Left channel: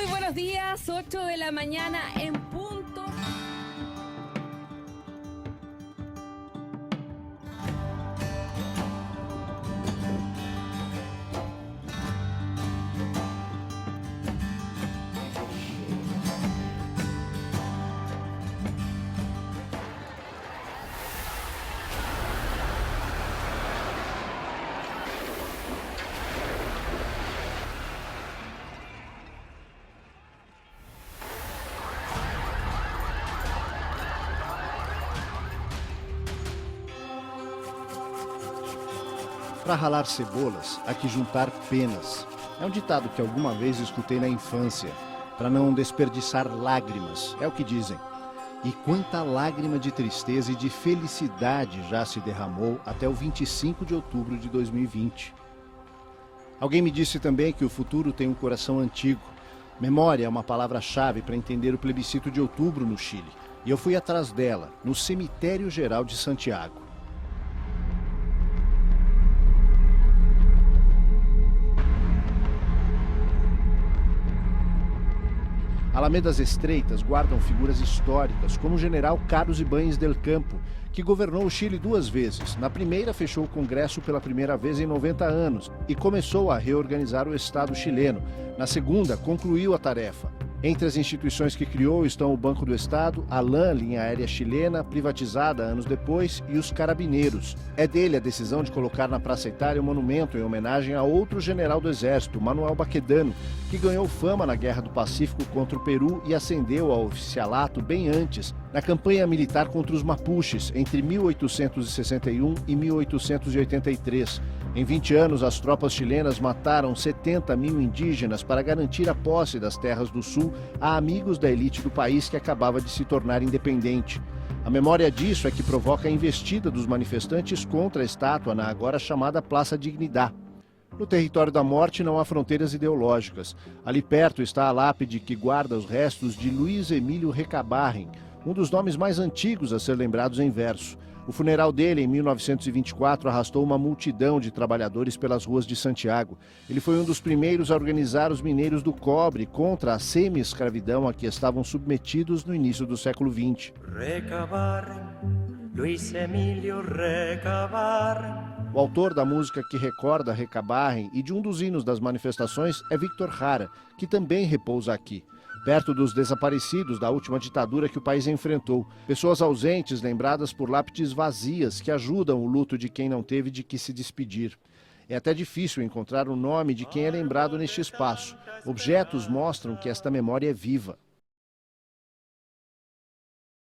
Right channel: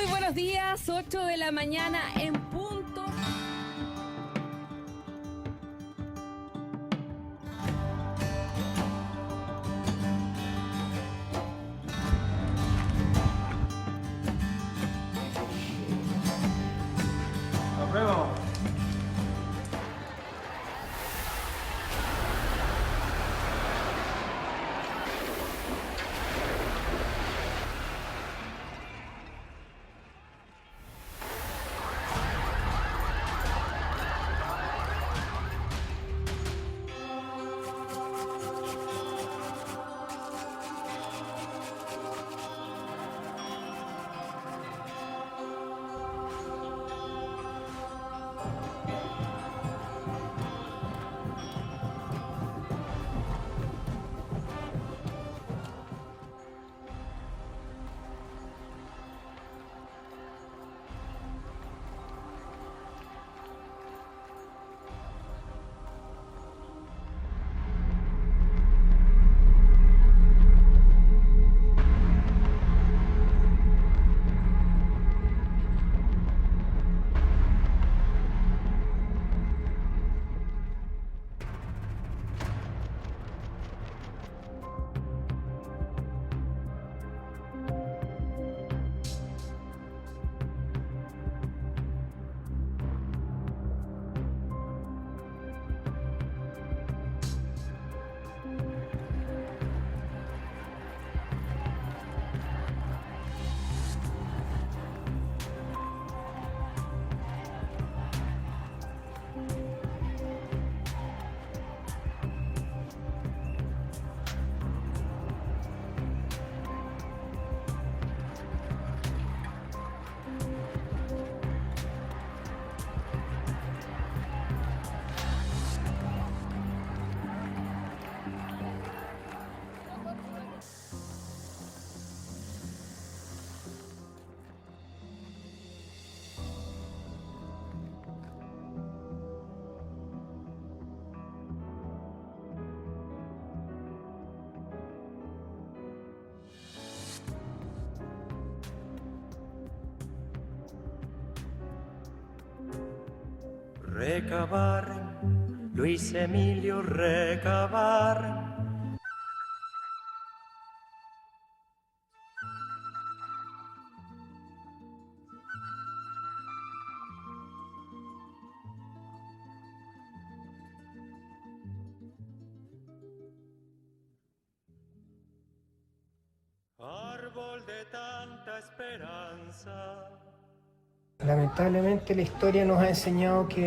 Muy buenos días, 8 de la mañana en punto. Para ralar cebolas, há que juntar penas. É um ditado que alguma vez escutei na infância. Para não desperdiçar lágrimas, é o que dizem. E quanta lágrima de tristeza e de felicidade já se derramou até o 25 de outubro de 2020. Alguém me disse também que o futuro tem um coração antigo. Memória é uma palavra-chave para entender o plebiscito de outubro no Chile. E eu fui atrás dela, no Cemitério Geral de Santiago. Alamedas estreitas guardam figuras históricas, como o general Carlos Ibáñez del Campo, que governou o Chile 2 vezes. Na primeira, fechou o Congresso pela primeira vez em 90 anos e começou a reorganizar o Estado chileno. Na segunda, concluiu a tarefa. Entre as instituições que criou estão o Banco do Estado, a LAN, linha aérea chilena, privatizada anos depois, e os Carabineiros. É dele a decisão de colocar na Praça Itália um monumento em homenagem a outro general do Exército, Manuel Baquedano, que ganhou fama na Guerra do Pacífico contra o Peru e ascendeu ao oficialato bem antes, na campanha militar contra os Mapuches, entre 1861 e 1883. Em 20 anos, as tropas chilenas mataram 70 mil indígenas para garantir a posse das terras do Sul a amigos da elite do país que acabava de se tornar independente. A memória disso é que provoca a investida dos manifestantes contra a estátua na agora chamada Praça Dignidad. No território da morte não há fronteiras ideológicas. Ali perto está a lápide que guarda os restos de Luiz Emílio Recabarren, um dos nomes mais antigos a ser lembrados em verso. O funeral dele, em 1924, arrastou uma multidão de trabalhadores pelas ruas de Santiago. Ele foi um dos primeiros a organizar os mineiros do cobre contra a semi-escravidão a que estavam submetidos no início do século XX. Recabarren, Luiz Emílio Recabarren. O autor da música que recorda Recabarren e de um dos hinos das manifestações é Victor Jara, que também repousa aqui, perto dos desaparecidos da última ditadura que o país enfrentou. Pessoas ausentes lembradas por lápides vazias que ajudam o luto de quem não teve de que se despedir. É até difícil encontrar o nome de quem é lembrado neste espaço. Objetos mostram que esta memória é viva. Lamentablemente, a história nos ha ensinado que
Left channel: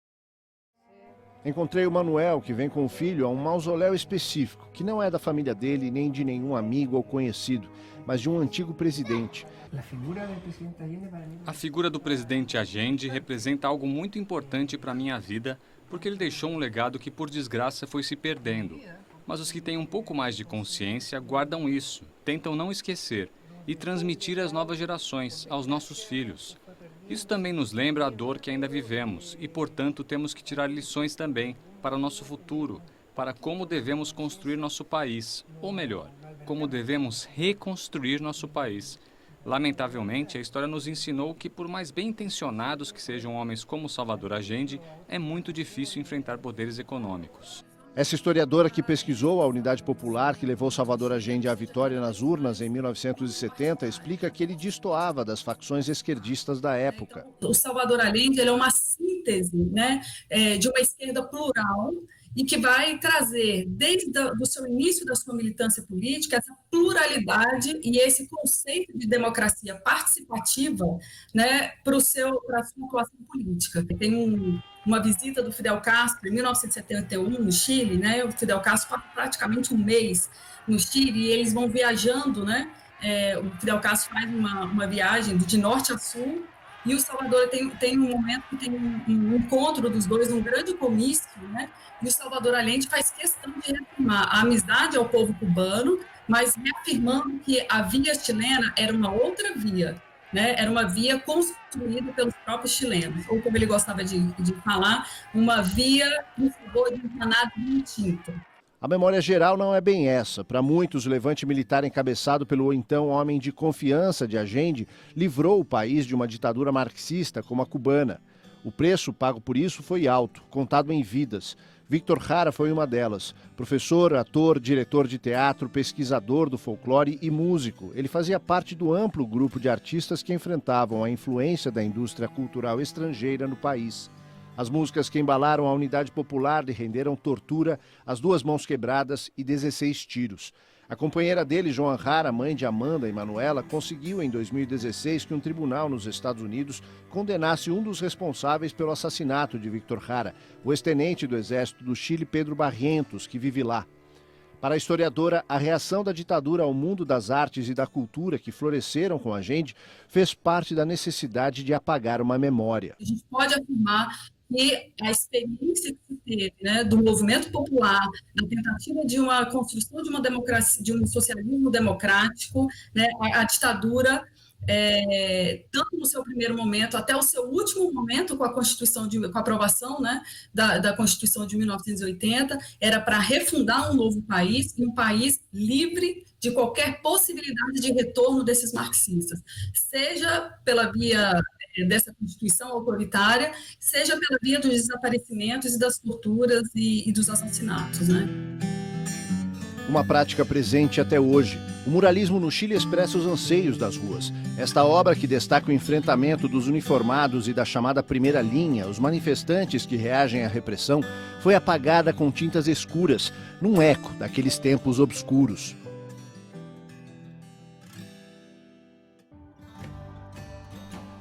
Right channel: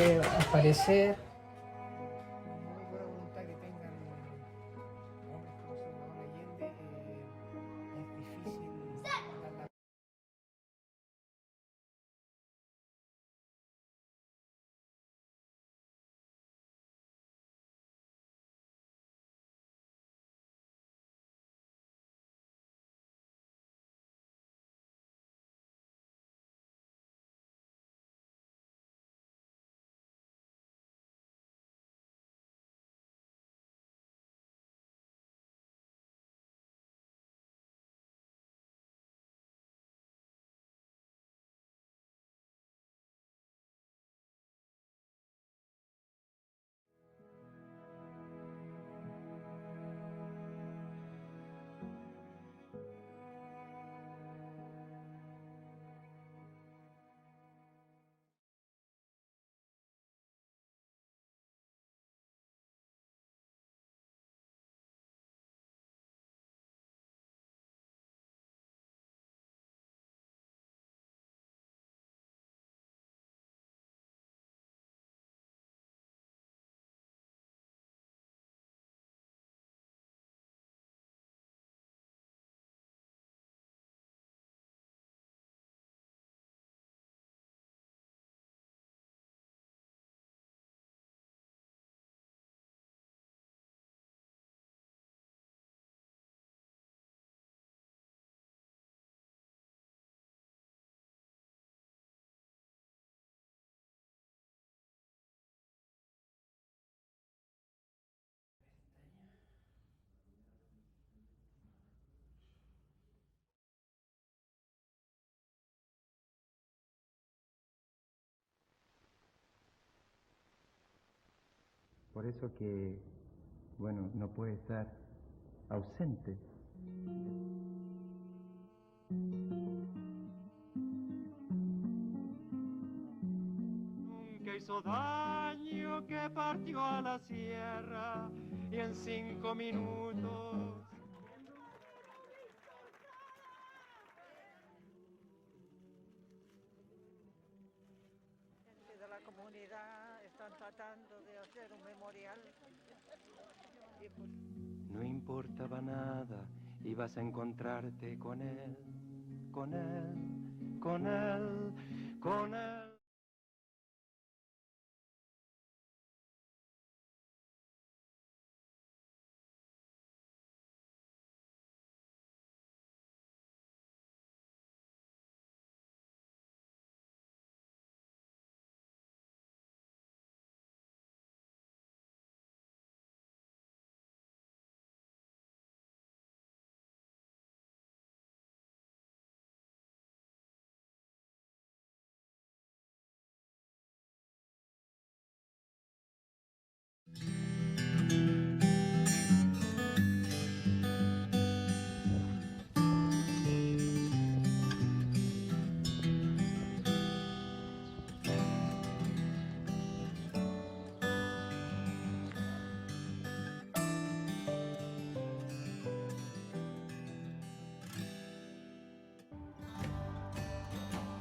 aparecer... Encontrei o Manuel, que vem com o filho a um mausoléu específico, que não é da família dele nem de nenhum amigo ou conhecido, mas de um antigo presidente. A figura do presidente Allende representa algo muito importante para a minha vida, porque ele deixou um legado que, por desgraça, foi se perdendo. Mas os que têm um pouco mais de consciência guardam isso, tentam não esquecer e transmitir às novas gerações, aos nossos filhos. Isso também nos lembra a dor que ainda vivemos e, portanto, temos que tirar lições também para o nosso futuro, para como devemos construir nosso país, ou melhor, como devemos reconstruir nosso país. Lamentavelmente, a história nos ensinou que, por mais bem intencionados que sejam homens como Salvador Allende, é muito difícil enfrentar poderes econômicos. Essa historiadora que pesquisou a Unidade Popular que levou Salvador Allende à vitória nas urnas em 1970 explica que ele destoava das facções esquerdistas da época. O Salvador Allende ele é uma síntese, né, de uma esquerda plural e que vai trazer, desde o seu início da sua militância política, essa pluralidade e esse conceito de democracia participativa, né, para a sua atuação política. Tem uma visita do Fidel Castro em 1971 no Chile, né, o Fidel Castro passa praticamente um mês no Chile e eles vão viajando, né, o Fidel Castro faz uma viagem de norte a sul, e o Salvador tem um momento que tem um encontro dos dois, um grande comício, né? E o Salvador Allende faz questão de reafirmar a amizade ao povo cubano, mas reafirmando que a via chilena era uma outra via, né? Era uma via construída pelos próprios chilenos, ou como ele gostava de falar, uma via em favor de um Estado distinto. A memória geral não é bem essa. Para muitos, o levante militar encabeçado pelo então homem de confiança de Allende livrou o país de uma ditadura marxista como a cubana. O preço pago por isso foi alto, contado em vidas. Víctor Jara foi uma delas. Professor, ator, diretor de teatro, pesquisador do folclore e músico. Ele fazia parte do amplo grupo de artistas que enfrentavam a influência da indústria cultural estrangeira no país. As músicas que embalaram a unidade popular lhe renderam tortura, as 2 mãos quebradas e 16 tiros. A companheira dele, Joan Jara, mãe de Amanda e Manuela, conseguiu em 2016 que um tribunal nos Estados Unidos condenasse um dos responsáveis pelo assassinato de Víctor Jara, o ex-tenente do Exército do Chile, Pedro Barrientos, que vive lá. Para a historiadora, a reação da ditadura ao mundo das artes e da cultura que floresceram com Allende fez parte da necessidade de apagar uma memória. A gente pode afirmar que a experiência que se teve, né, do movimento popular, da tentativa de uma construção de uma democracia, de um socialismo democrático, né, a ditadura, tanto no seu primeiro momento até o seu último momento com a Constituição com a aprovação, né, da Constituição de 1980, era para refundar um novo país, e um país livre de qualquer possibilidade de retorno desses marxistas, seja pela via dessa Constituição autoritária, seja pela via dos desaparecimentos e das torturas e dos assassinatos, né? Uma prática presente até hoje. O muralismo no Chile expressa os anseios das ruas. Esta obra, que destaca o enfrentamento dos uniformados e da chamada primeira linha, os manifestantes que reagem à repressão, foi apagada com tintas escuras, num eco daqueles tempos obscuros.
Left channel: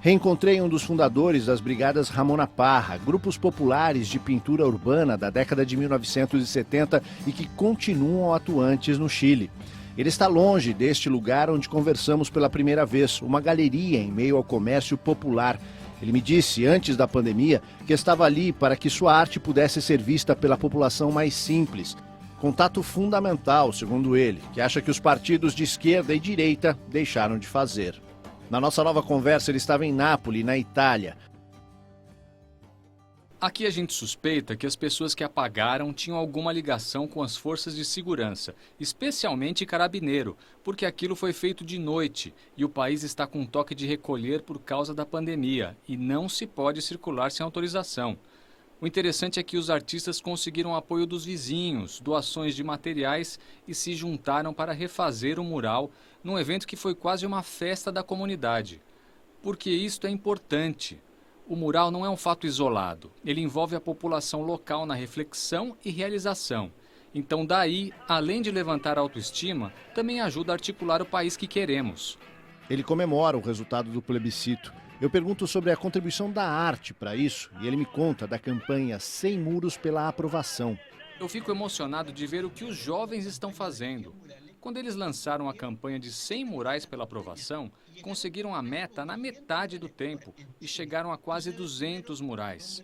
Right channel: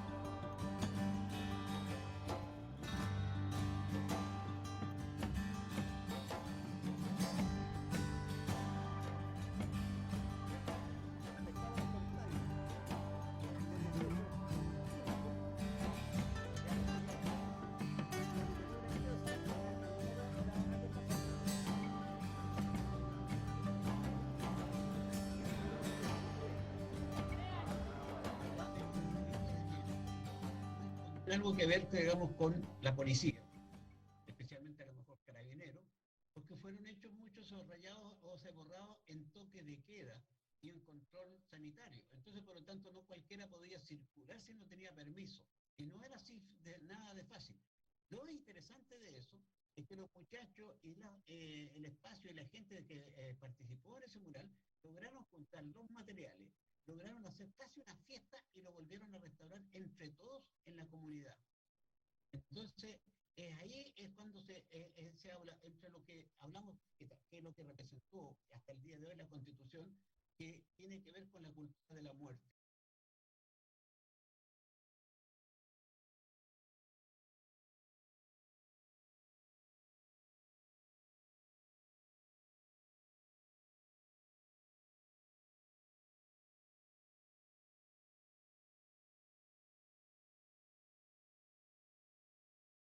Reencontrei um dos fundadores das Brigadas Ramona Parra, grupos populares de pintura urbana da década de 1970 e que continuam atuantes no Chile. Ele está longe deste lugar onde conversamos pela primeira vez, uma galeria em meio ao comércio popular. Ele me disse, antes da pandemia, que estava ali para que sua arte pudesse ser vista pela população mais simples. Contato fundamental, segundo ele, que acha que os partidos de esquerda e direita deixaram de fazer. Na nossa nova conversa, ele estava em Nápoles, na Itália. Aqui a gente suspeita que as pessoas que apagaram tinham alguma ligação com as forças de segurança, especialmente carabineiro, porque aquilo foi feito de noite e o país está com toque de recolher por causa da pandemia e não se pode circular sem autorização. O interessante é que os artistas conseguiram apoio dos vizinhos, doações de materiais e se juntaram para refazer o mural num evento que foi quase uma festa da comunidade. Porque isto é importante. O mural não é um fato isolado. Ele envolve a população local na reflexão e realização. Então daí, além de levantar a autoestima, também ajuda a articular o país que queremos. Ele comemora o resultado do plebiscito. Eu pergunto sobre a contribuição da arte para isso e ele me conta da campanha Sem Muros pela Aprovação. Eu fico emocionado de ver o que os jovens estão fazendo. Quando eles lançaram a campanha de 100 murais pela aprovação, conseguiram a meta na metade do tempo e chegaram a quase 200 murais.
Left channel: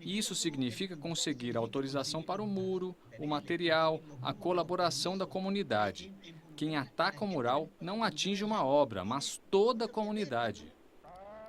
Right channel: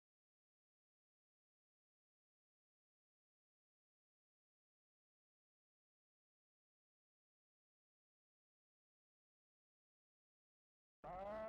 E isso significa conseguir a autorização para o muro, o material, a colaboração da comunidade. Quem ataca o mural não atinge uma obra, mas toda a comunidade.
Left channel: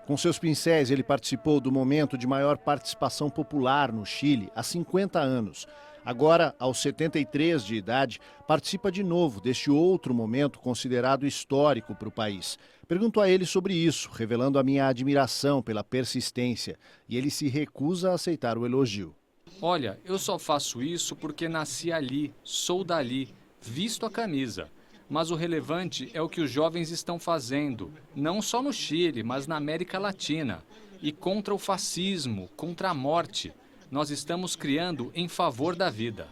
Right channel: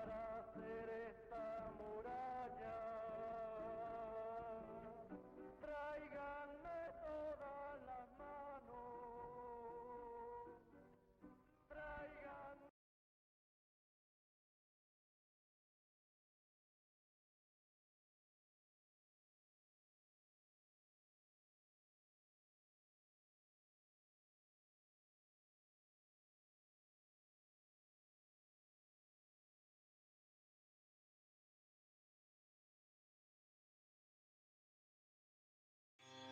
Com seus pincéis, ele participou do momento de maior participação popular no Chile há 50 anos. Agora, aos 73 de idade, participa de novo deste outro momento considerado histórico para o país. Pergunto a ele sobre isso, revelando a minha admiração pela persistência, e ele se recusa a aceitar o elogio. Olha, eu só faço isso porque nasci ali, sou dali, visto a camisa. Mas o relevante é o que os jovens estão fazendo, não só no Chile, mas na América Latina. E contra o fascismo, contra a morte. Nós estamos criando em favor da vida.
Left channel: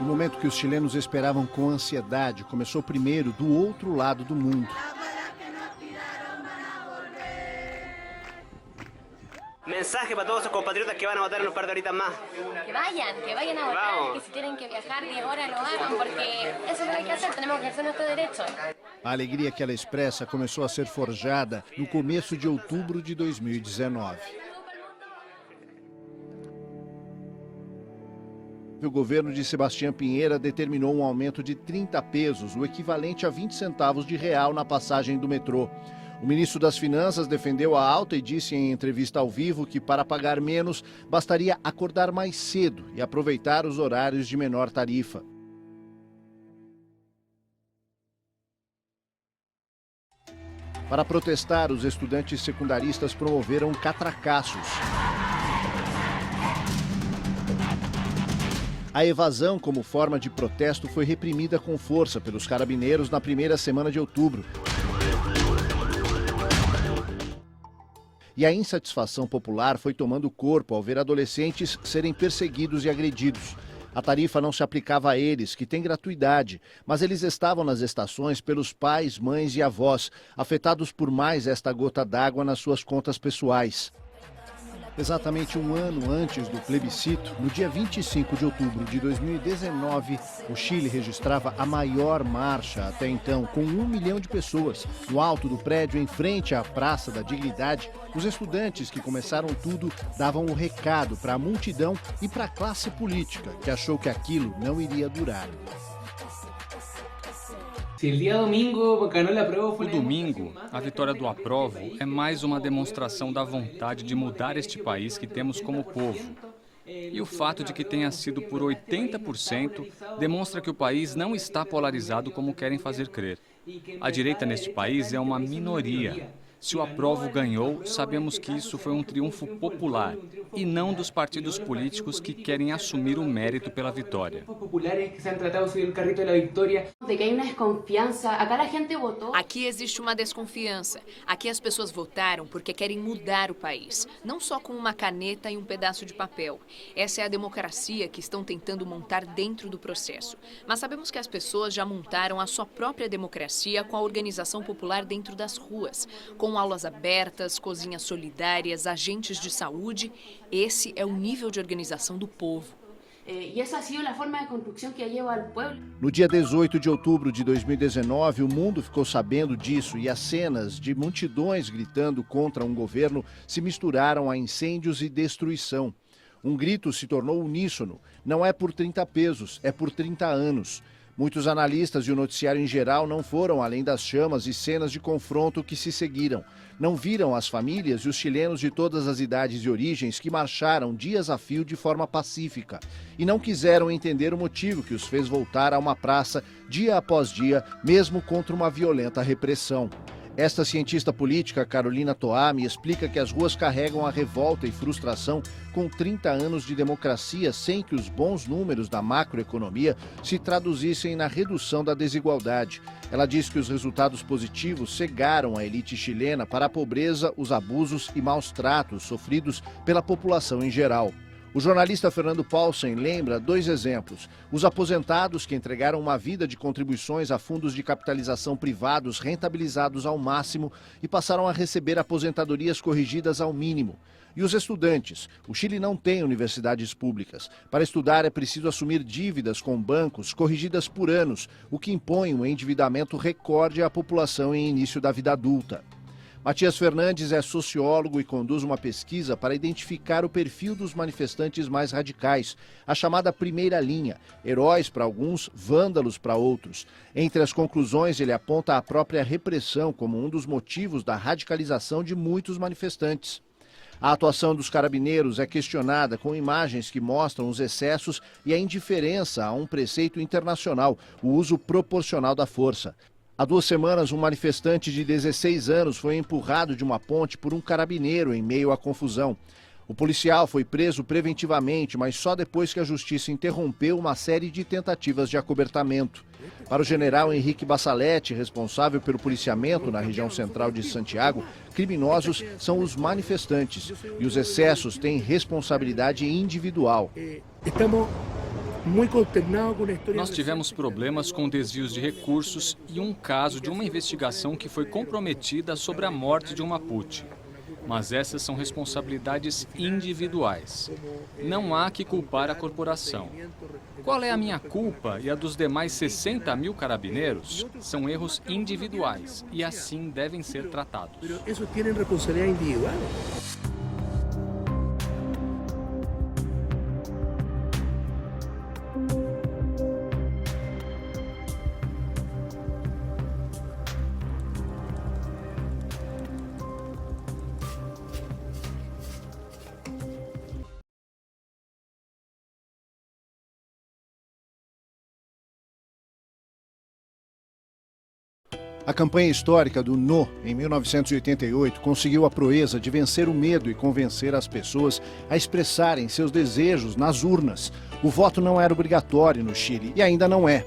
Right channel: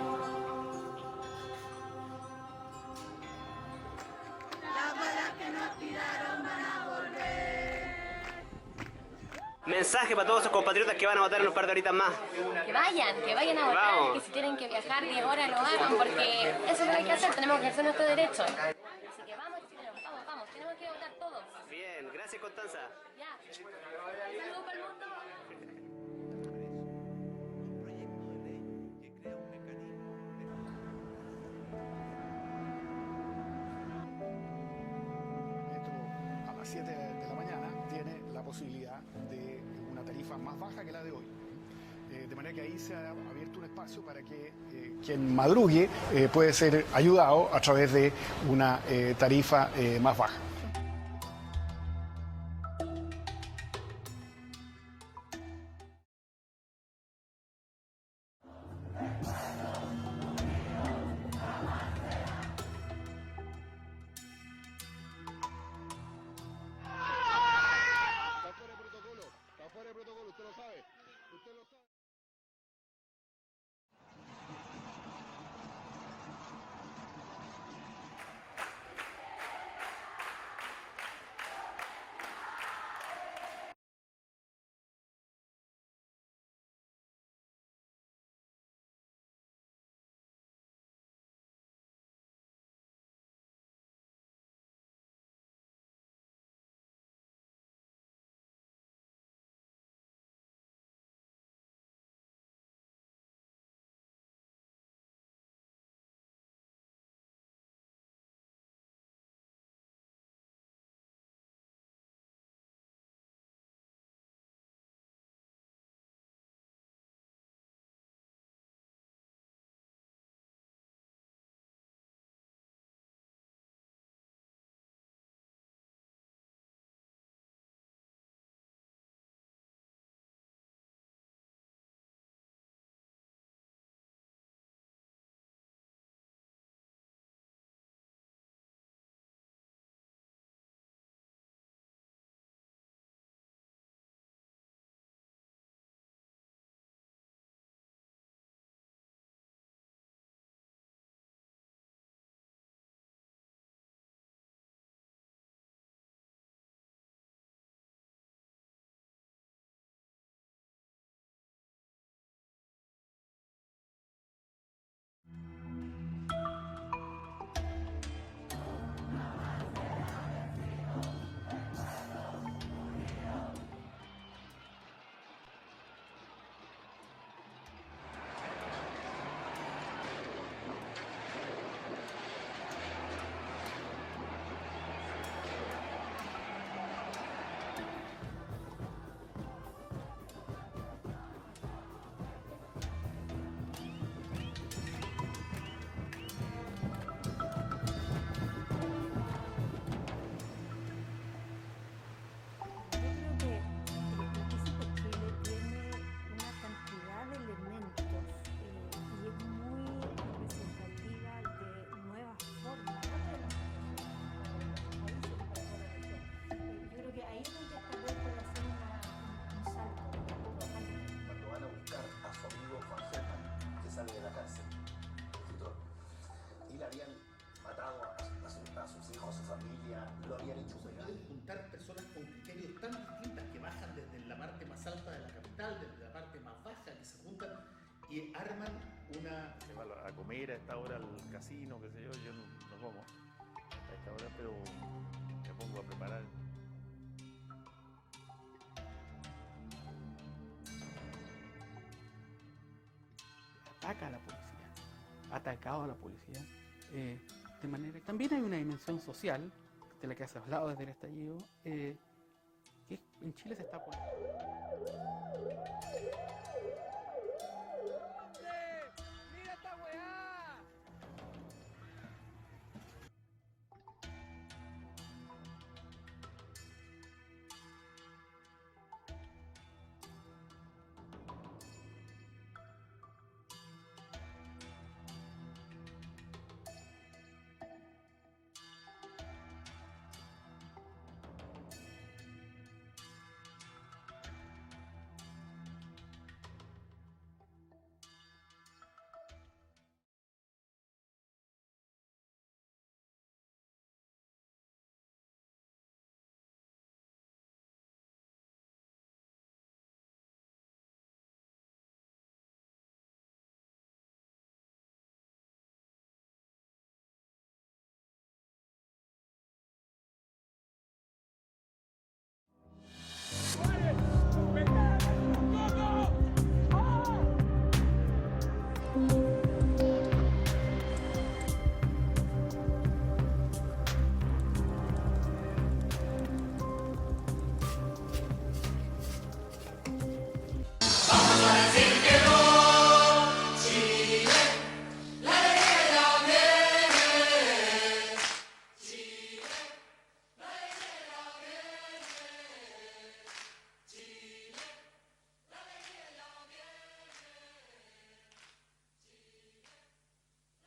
O momento que os chilenos esperavam com ansiedade começou primeiro do outro lado do mundo. Mensaje para todos los compatriotas que van a votar en un par de horitas más. Que vayan a votar, que si tienen que viajar 10 horas lo hagan, porque eso es lo que hay que hacer, tenemos que ejercer nuestro derecho. A alegria que ela expressa começou a ser forjada no começo de outubro de 2019. O governo de Sebastião Pinheira determinou um aumento de 30 pesos, o equivalente a 20 centavos de real na passagem do metrô. O ministro das Finanças defendeu a alta e disse em entrevista ao vivo que para pagar menos bastaria acordar mais cedo e aproveitar os horários de menor tarifa. Madrugue pode ser ajudado através de uma tarifa mais baixa. Para protestar, os estudantes secundaristas promoveram catracaços. A evasão como forma de protesto foi reprimida com força pelos carabineiros na primeira semana de outubro. E a insatisfação popular foi tomando corpo ao ver adolescentes serem perseguidos e agredidos. A tarifa não se aplicava a eles, que têm gratuidade, mas eles estavam nas estações pelos pais, mães e avós, afetados por mais esta gota d'água nas suas contas pessoais. Exatamente um ano antes do plebiscito, no dia 25 de outubro de 2019, o Chile registrava a maior marcha até então, com 1 milhão de pessoas. No alto do prédio, em frente à Praça da Dignidade, os estudantes que começaram tudo davam o recado para a multidão e para a classe política, que achou que aquilo não iria durar. O domingo, a vitória do Aprovo é mais uma demonstração da vontade de mudar este país que temos como povo. E o fato de que tenha sido por 80% demonstra que o país não está polarizado como querem fazer crer. A direita neste país é uma minoria. Se o Aprovo ganhou, sabemos que isso foi um triunfo popular e não dos partidos políticos que querem assumir o mérito pela vitória. Aqui existe uma desconfiança. Aqui as pessoas votaram porque querem mudar o país, não só com uma caneta e um pedaço de papel. Essa é a democracia que estão tentando montar dentro do processo. Mas sabemos que as pessoas já montaram a sua própria democracia com a organização popular dentro das ruas, com aulas abertas, cozinhas solidárias, agentes de saúde. Esse é o nível de organização do povo. No dia 18 de outubro de 2019, o mundo ficou sabendo disso e as cenas de multidões gritando contra um governo se misturaram a incêndios e destruição. Um grito se tornou uníssono. Não é por 30 pesos, é por 30 anos. Muitos analistas e o noticiário em geral não foram além das chamas e cenas de confronto que se seguiram. Não viram as famílias e os chilenos de todas as idades e origens que marcharam dias a fio de forma pacífica e não quiseram entender o motivo que os fez voltar a uma praça dia após dia, mesmo contra uma violenta repressão. Esta cientista política, Carolina Toá, me explica que as ruas carregam a revolta e frustração com 30 anos de democracia sem que os bons números da macroeconomia se traduzissem na redução da desigualdade. Ela diz que os resultados positivos cegaram a elite chilena para a pobreza, os abusos e maus tratos sofridos pela população em geral. O jornalista Fernando Paulsen lembra 2 exemplos. Os aposentados que entregaram uma vida de contribuições a fundos de capitalização privados rentabilizados ao máximo e passaram a receber aposentadorias corrigidas ao mínimo. E os estudantes. O Chile não tem universidades públicas. Para estudar é preciso assumir dívidas com bancos corrigidas por anos, o que impõe um endividamento recorde à população em início da vida adulta. Matias Fernandes é sociólogo e conduz uma pesquisa para identificar o perfil dos manifestantes mais radicais, a chamada primeira linha, heróis para alguns, vândalos para outros. Entre as conclusões, ele aponta a própria repressão como um dos motivos da radicalização de muitos manifestantes. A atuação dos carabineiros é questionada com imagens que mostram os excessos e a indiferença a um preceito internacional, o uso proporcional da força. Há 2 semanas, um manifestante de 16 anos foi empurrado de uma ponte por um carabineiro em meio à confusão. O policial foi preso preventivamente, mas só depois que a justiça interrompeu uma série de tentativas de acobertamento. Para o general Henrique Bassaletti, responsável pelo policiamento na região central de Santiago, criminosos são os manifestantes e os excessos têm responsabilidade individual. Nós tivemos problemas com desvios de recursos e um caso de uma investigação que foi comprometida sobre a morte de um Mapuche. mas essas são responsabilidades individuais. Não há que culpar a corporação. Qual é a minha culpa e a dos demais 60 mil carabineiros? São erros individuais e assim devem ser tratados. Isso tem responsabilidade individual. A campanha histórica do No, em 1988, conseguiu a proeza de vencer o medo e convencer as pessoas a expressarem seus desejos nas urnas. O voto não era obrigatório no Chile e ainda não é.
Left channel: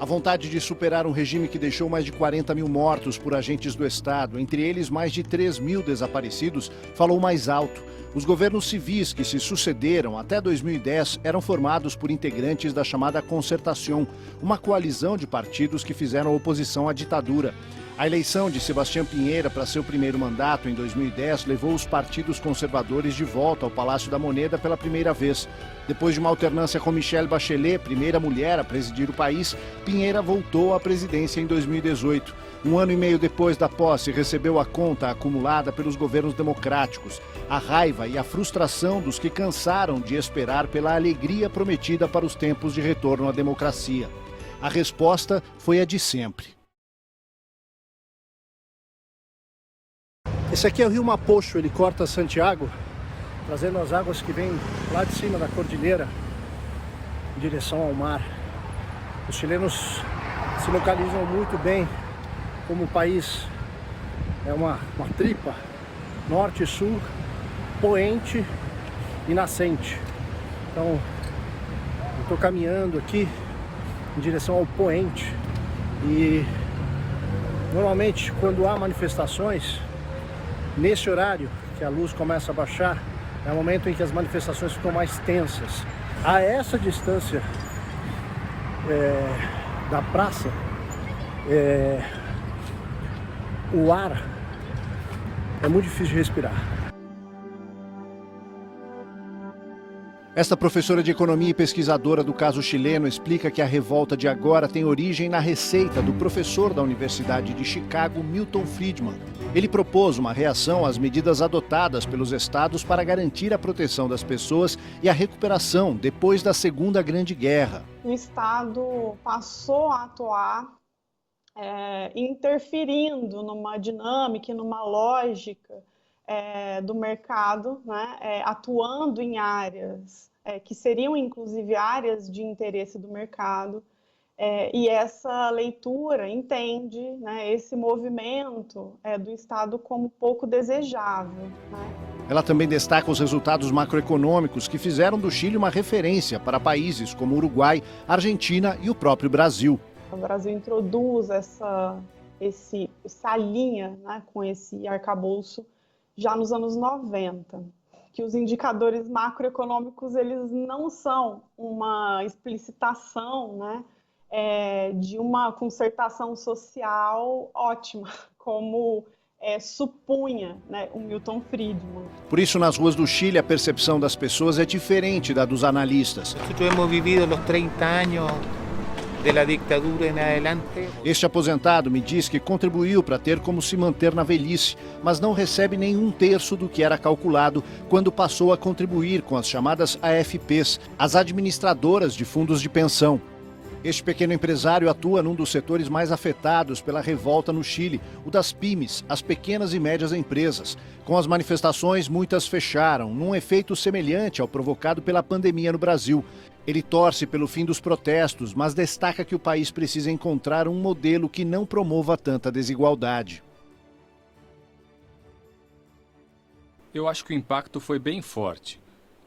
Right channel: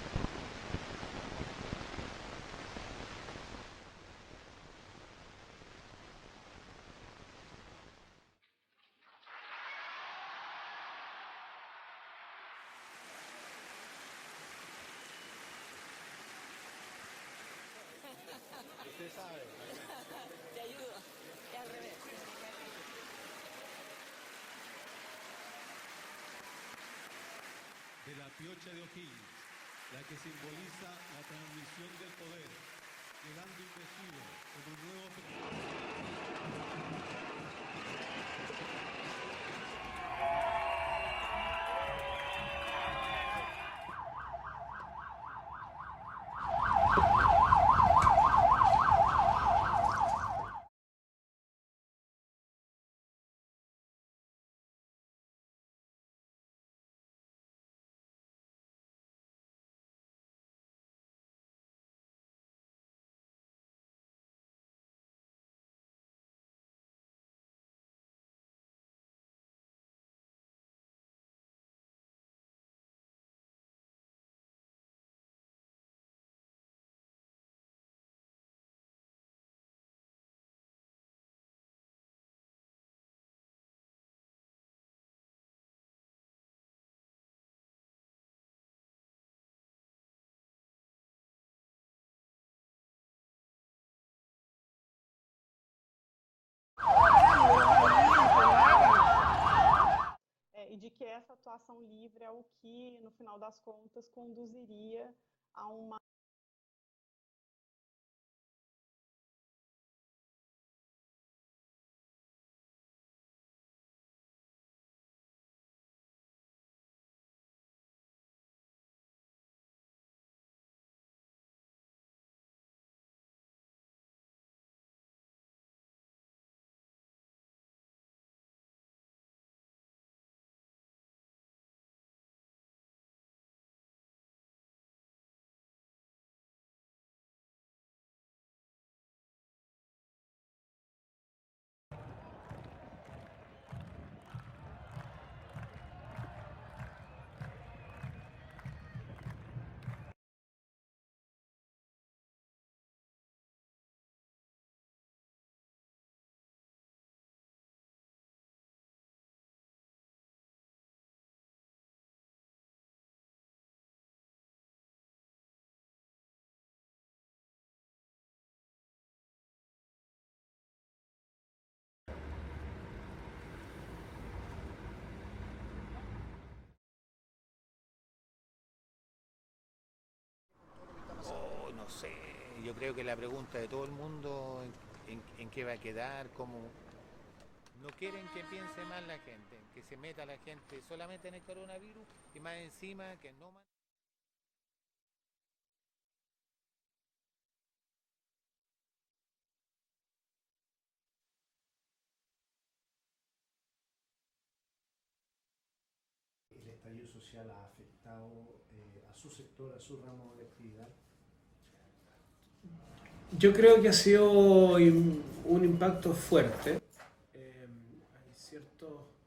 A vontade de superar um regime que deixou mais de 40 mil mortos por agentes do Estado, entre eles mais de 3 mil desaparecidos, falou mais alto. Os governos civis que se sucederam até 2010 eram formados por integrantes da chamada Concertación, uma coalizão de partidos que fizeram oposição à ditadura. A eleição de Sebastián Piñera para seu primeiro mandato em 2010 levou os partidos conservadores de volta ao Palácio da Moneda pela primeira vez. Depois de uma alternância com Michelle Bachelet, primeira mulher a presidir o país, Piñera voltou à presidência em 2018. Um ano e meio depois da posse, recebeu a conta acumulada pelos governos democráticos, a raiva e a frustração dos que cansaram de esperar pela alegria prometida para os tempos de retorno à democracia. A resposta foi a de sempre. Esse aqui é o Rio Mapocho, ele corta Santiago, trazendo as águas que vêm lá de cima da cordilheira em direção ao mar. Os chilenos se localizam muito bem como o país é uma tripa, norte e sul, poente e nascente. Então, eu estou caminhando aqui em direção ao poente e normalmente quando há manifestações, nesse horário que a luz começa a baixar, é o momento em que as manifestações ficam mais tensas. A essa distância da praça, o ar é muito difícil de respirar. Esta professora de economia e pesquisadora do caso chileno explica que a revolta de agora tem origem na receita do professor da Universidade de Chicago, Milton Friedman. Ele propôs uma reação às medidas adotadas pelos estados para garantir a proteção das pessoas e a recuperação depois da Segunda Grande Guerra. O Estado passou a atuar interferindo numa dinâmica, numa lógica do mercado, né, atuando em áreas que seriam inclusive áreas de interesse do mercado, e essa leitura entende, né, esse movimento do Estado como pouco desejável, né? Ela também destaca os resultados macroeconômicos que fizeram do Chile uma referência para países como Uruguai, Argentina e o próprio Brasil. O Brasil introduz essa linha, né, com esse arcabouço já nos anos 90, que os indicadores macroeconômicos eles não são uma explicitação, né, de uma concertação social ótima, como supunha, né, o Milton Friedman. Por isso, nas ruas do Chile, a percepção das pessoas é diferente da dos analistas. Nós hemos vivido os 30 anos da ditadura em adelante. Este aposentado me diz que contribuiu para ter como se manter na velhice, mas não recebe nem um terço do que era calculado quando passou a contribuir com as chamadas AFPs, as administradoras de fundos de pensão. Este pequeno empresário atua num dos setores mais afetados pela revolta no Chile, o das pymes, as pequenas e médias empresas. Com as manifestações, muitas fecharam, num efeito semelhante ao provocado pela pandemia no Brasil. Ele torce pelo fim dos protestos, mas destaca que o país precisa encontrar um modelo que não promova tanta desigualdade. Eu creio que ha sido impacto forte. Eu acho que o impacto foi bem forte.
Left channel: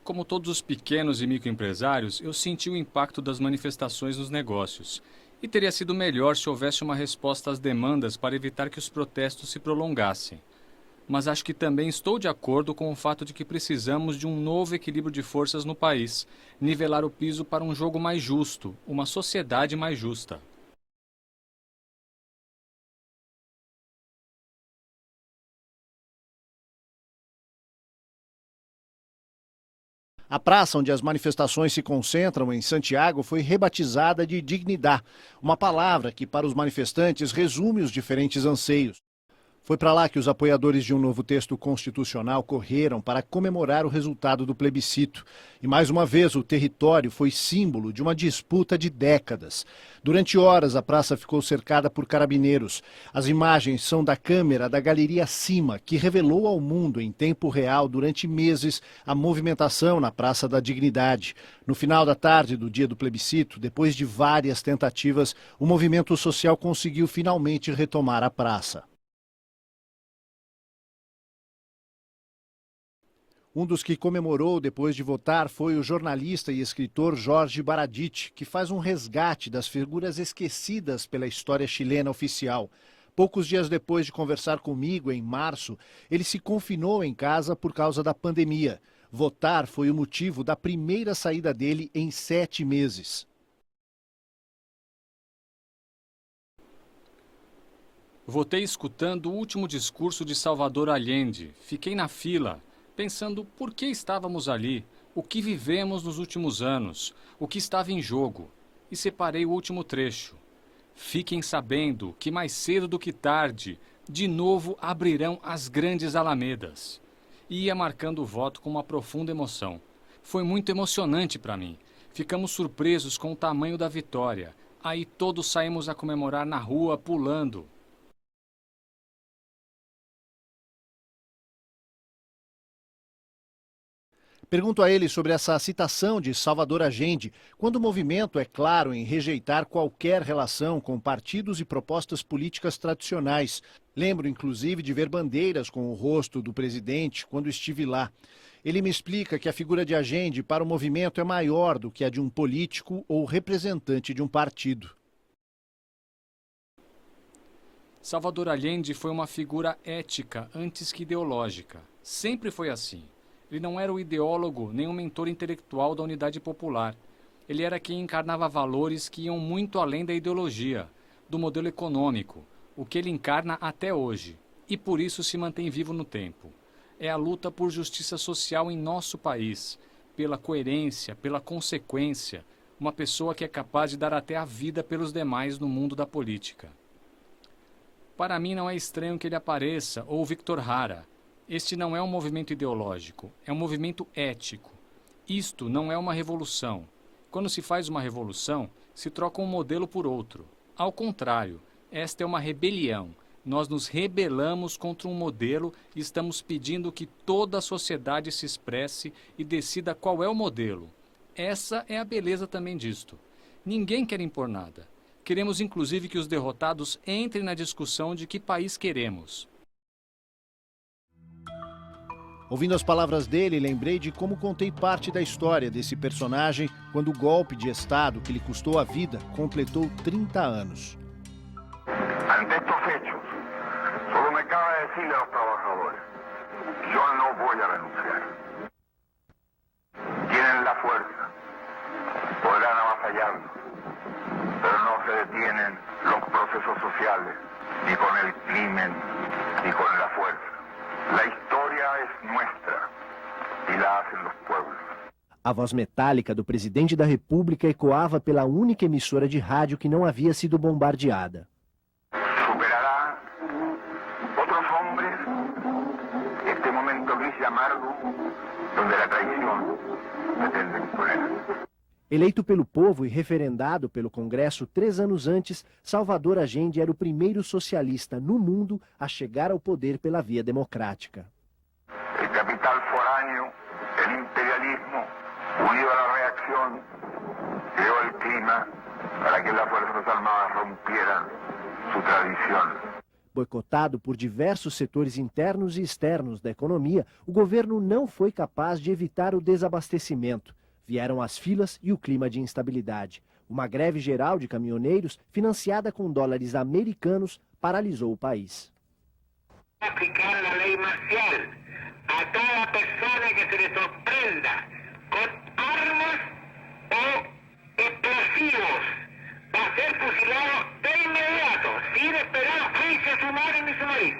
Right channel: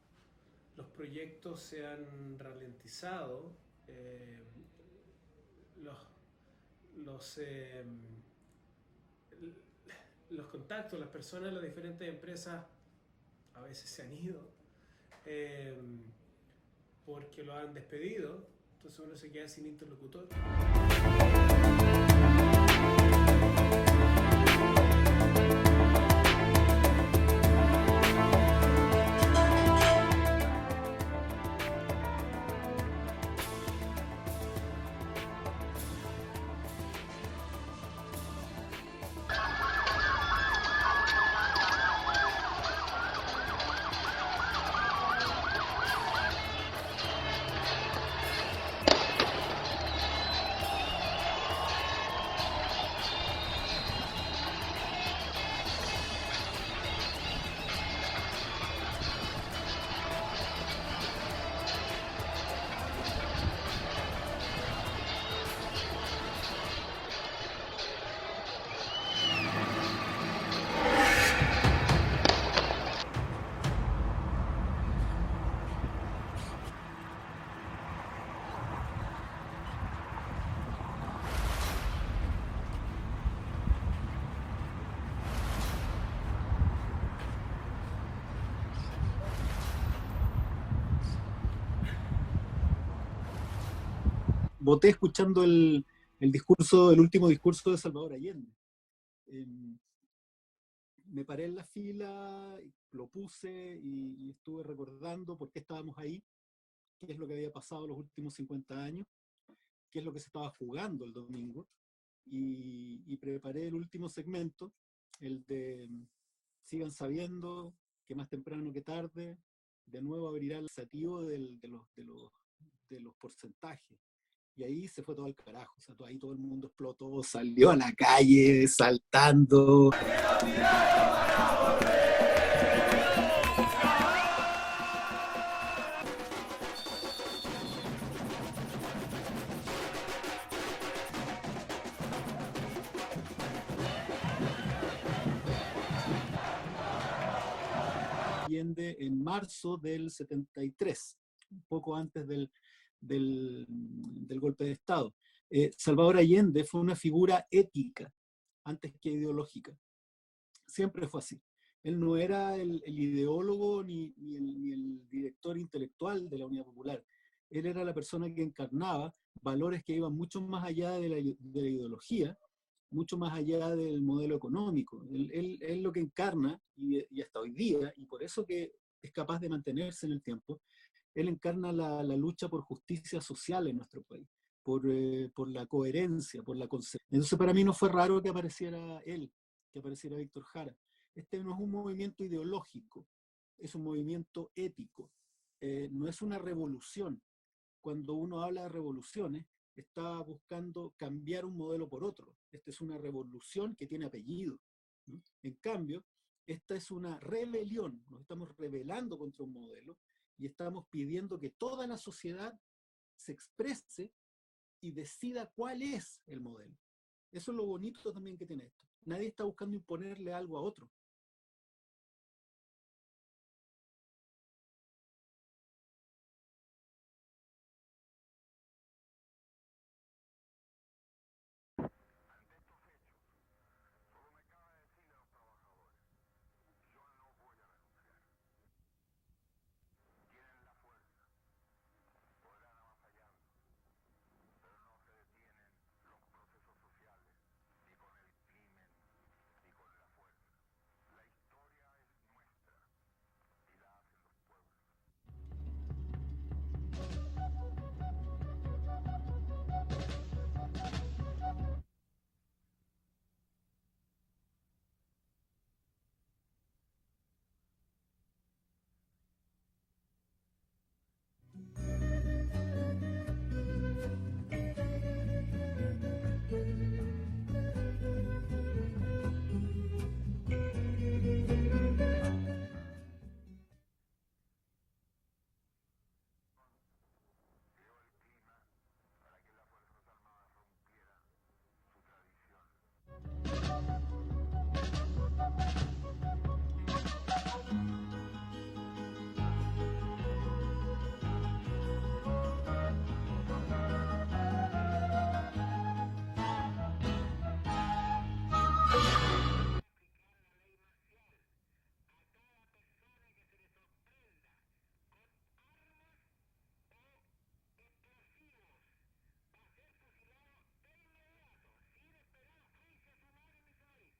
Como todos os pequenos e microempresários, eu senti o impacto das manifestações nos negócios. E teria sido melhor se houvesse uma resposta às demandas para evitar que os protestos se prolongassem. Mas acho que também estou de acordo com o fato de que precisamos de um novo equilíbrio de forças no país, nivelar o piso para um jogo mais justo, uma sociedade mais justa. praça onde as manifestações se concentram em Santiago foi rebatizada de Dignidad, uma palavra que para os manifestantes resume os diferentes anseios. Foi para lá que os apoiadores de um novo texto constitucional correram para comemorar o resultado do plebiscito. E mais uma vez o território foi símbolo de uma disputa de décadas. Durante horas a praça ficou cercada por carabineiros. As imagens são da câmera da Galeria Cima, que revelou ao mundo em tempo real durante meses a movimentação na Praça da Dignidade. No final da tarde do dia do plebiscito, depois de várias tentativas, o movimento social conseguiu finalmente retomar a praça. Um dos que comemorou depois de votar foi o jornalista e escritor Jorge Baradit, que faz um resgate das figuras esquecidas pela história chilena oficial. Poucos dias depois de conversar comigo, em março, ele se confinou em casa por causa da pandemia. Votar foi o motivo da primeira saída dele em 7 meses. Votei escutando o último discurso de Salvador Allende. Votei escutando o último discurso de Salvador Allende. Fiquei na fila, pensando por que estávamos ali, o que vivemos nos últimos anos, o que estava em jogo, e separei o último trecho. Fiquem sabendo que mais cedo do que tarde, de novo abrirão as grandes alamedas. E ia marcando o voto com uma profunda emoção. Foi muito emocionante para mim. Ficamos surpresos com o tamanho da vitória. Aí todos saímos a comemorar na rua, pulando. Eu na calle, saltando. Pergunto a ele sobre essa citação de Salvador Allende, quando o movimento é claro em rejeitar qualquer relação com partidos e propostas políticas tradicionais. Lembro, inclusive, de ver bandeiras com o rosto do presidente quando estive lá. Ele me explica que a figura de Allende para o movimento é maior do que a de um político ou representante de um partido. Salvador Allende foi uma figura ética. Salvador Allende foi uma figura ética antes que ideológica. Sempre foi assim. Ele não era o ideólogo nem o mentor intelectual da unidade popular. Ele era quem encarnava valores que iam muito além da ideologia, do modelo econômico, o que ele encarna até hoje, e por isso se mantém vivo no tempo. É a luta por justiça social em nosso país, pela coerência, pela consequência, uma pessoa que é capaz de dar até a vida pelos demais no mundo da política. Para mim não é estranho que ele apareça, ou Victor Jara. Este não é um movimento ideológico, é um movimento ético. Isto não é uma revolução. Quando se faz uma revolução, se troca um modelo por outro. Ao contrário, esta é uma rebelião. Nós nos rebelamos contra um modelo e estamos pedindo que toda a sociedade se expresse e decida qual é o modelo. Essa é a beleza também disto. Ninguém quer impor nada. Queremos, inclusive, que os derrotados entrem na discussão de que país queremos. Ouvindo as palavras dele, lembrei de como contei parte da história desse personagem quando o golpe de Estado que lhe custou a vida completou 30 anos. Ante estos hechos, solo me cabe decirle a los trabajadores, yo no voy a renunciar. Tienen la fuerza, podrán avasallarnos, pero no se detienen los procesos sociales, ni con el crimen, ni con la fuerza. La historia es nuestra y la hacen los pueblos. A voz metálica do presidente da República ecoava pela única emissora de rádio que não havia sido bombardeada. Superará outros homens este momento gris e amargo, onde a traição pretende imponer. Eleito pelo povo e referendado pelo Congresso 3 anos antes, Salvador Allende era o primeiro socialista no mundo a chegar ao poder pela via democrática. O capital foráneo, o imperialismo, unido à reação, criou o clima para que as Forças Armadas rompieran sua tradição. Boicotado por diversos setores internos e externos da economia, o governo não foi capaz de evitar o desabastecimento. Vieram as filas e o clima de instabilidade. Uma greve geral de caminhoneiros, financiada com dólares americanos, paralisou o país. Aplicar a lei marcial a toda pessoa que se lhe sorprenda com armas ou explosivos para ser fusilado de inmediato, sem esperar juicio sumario ni sumario.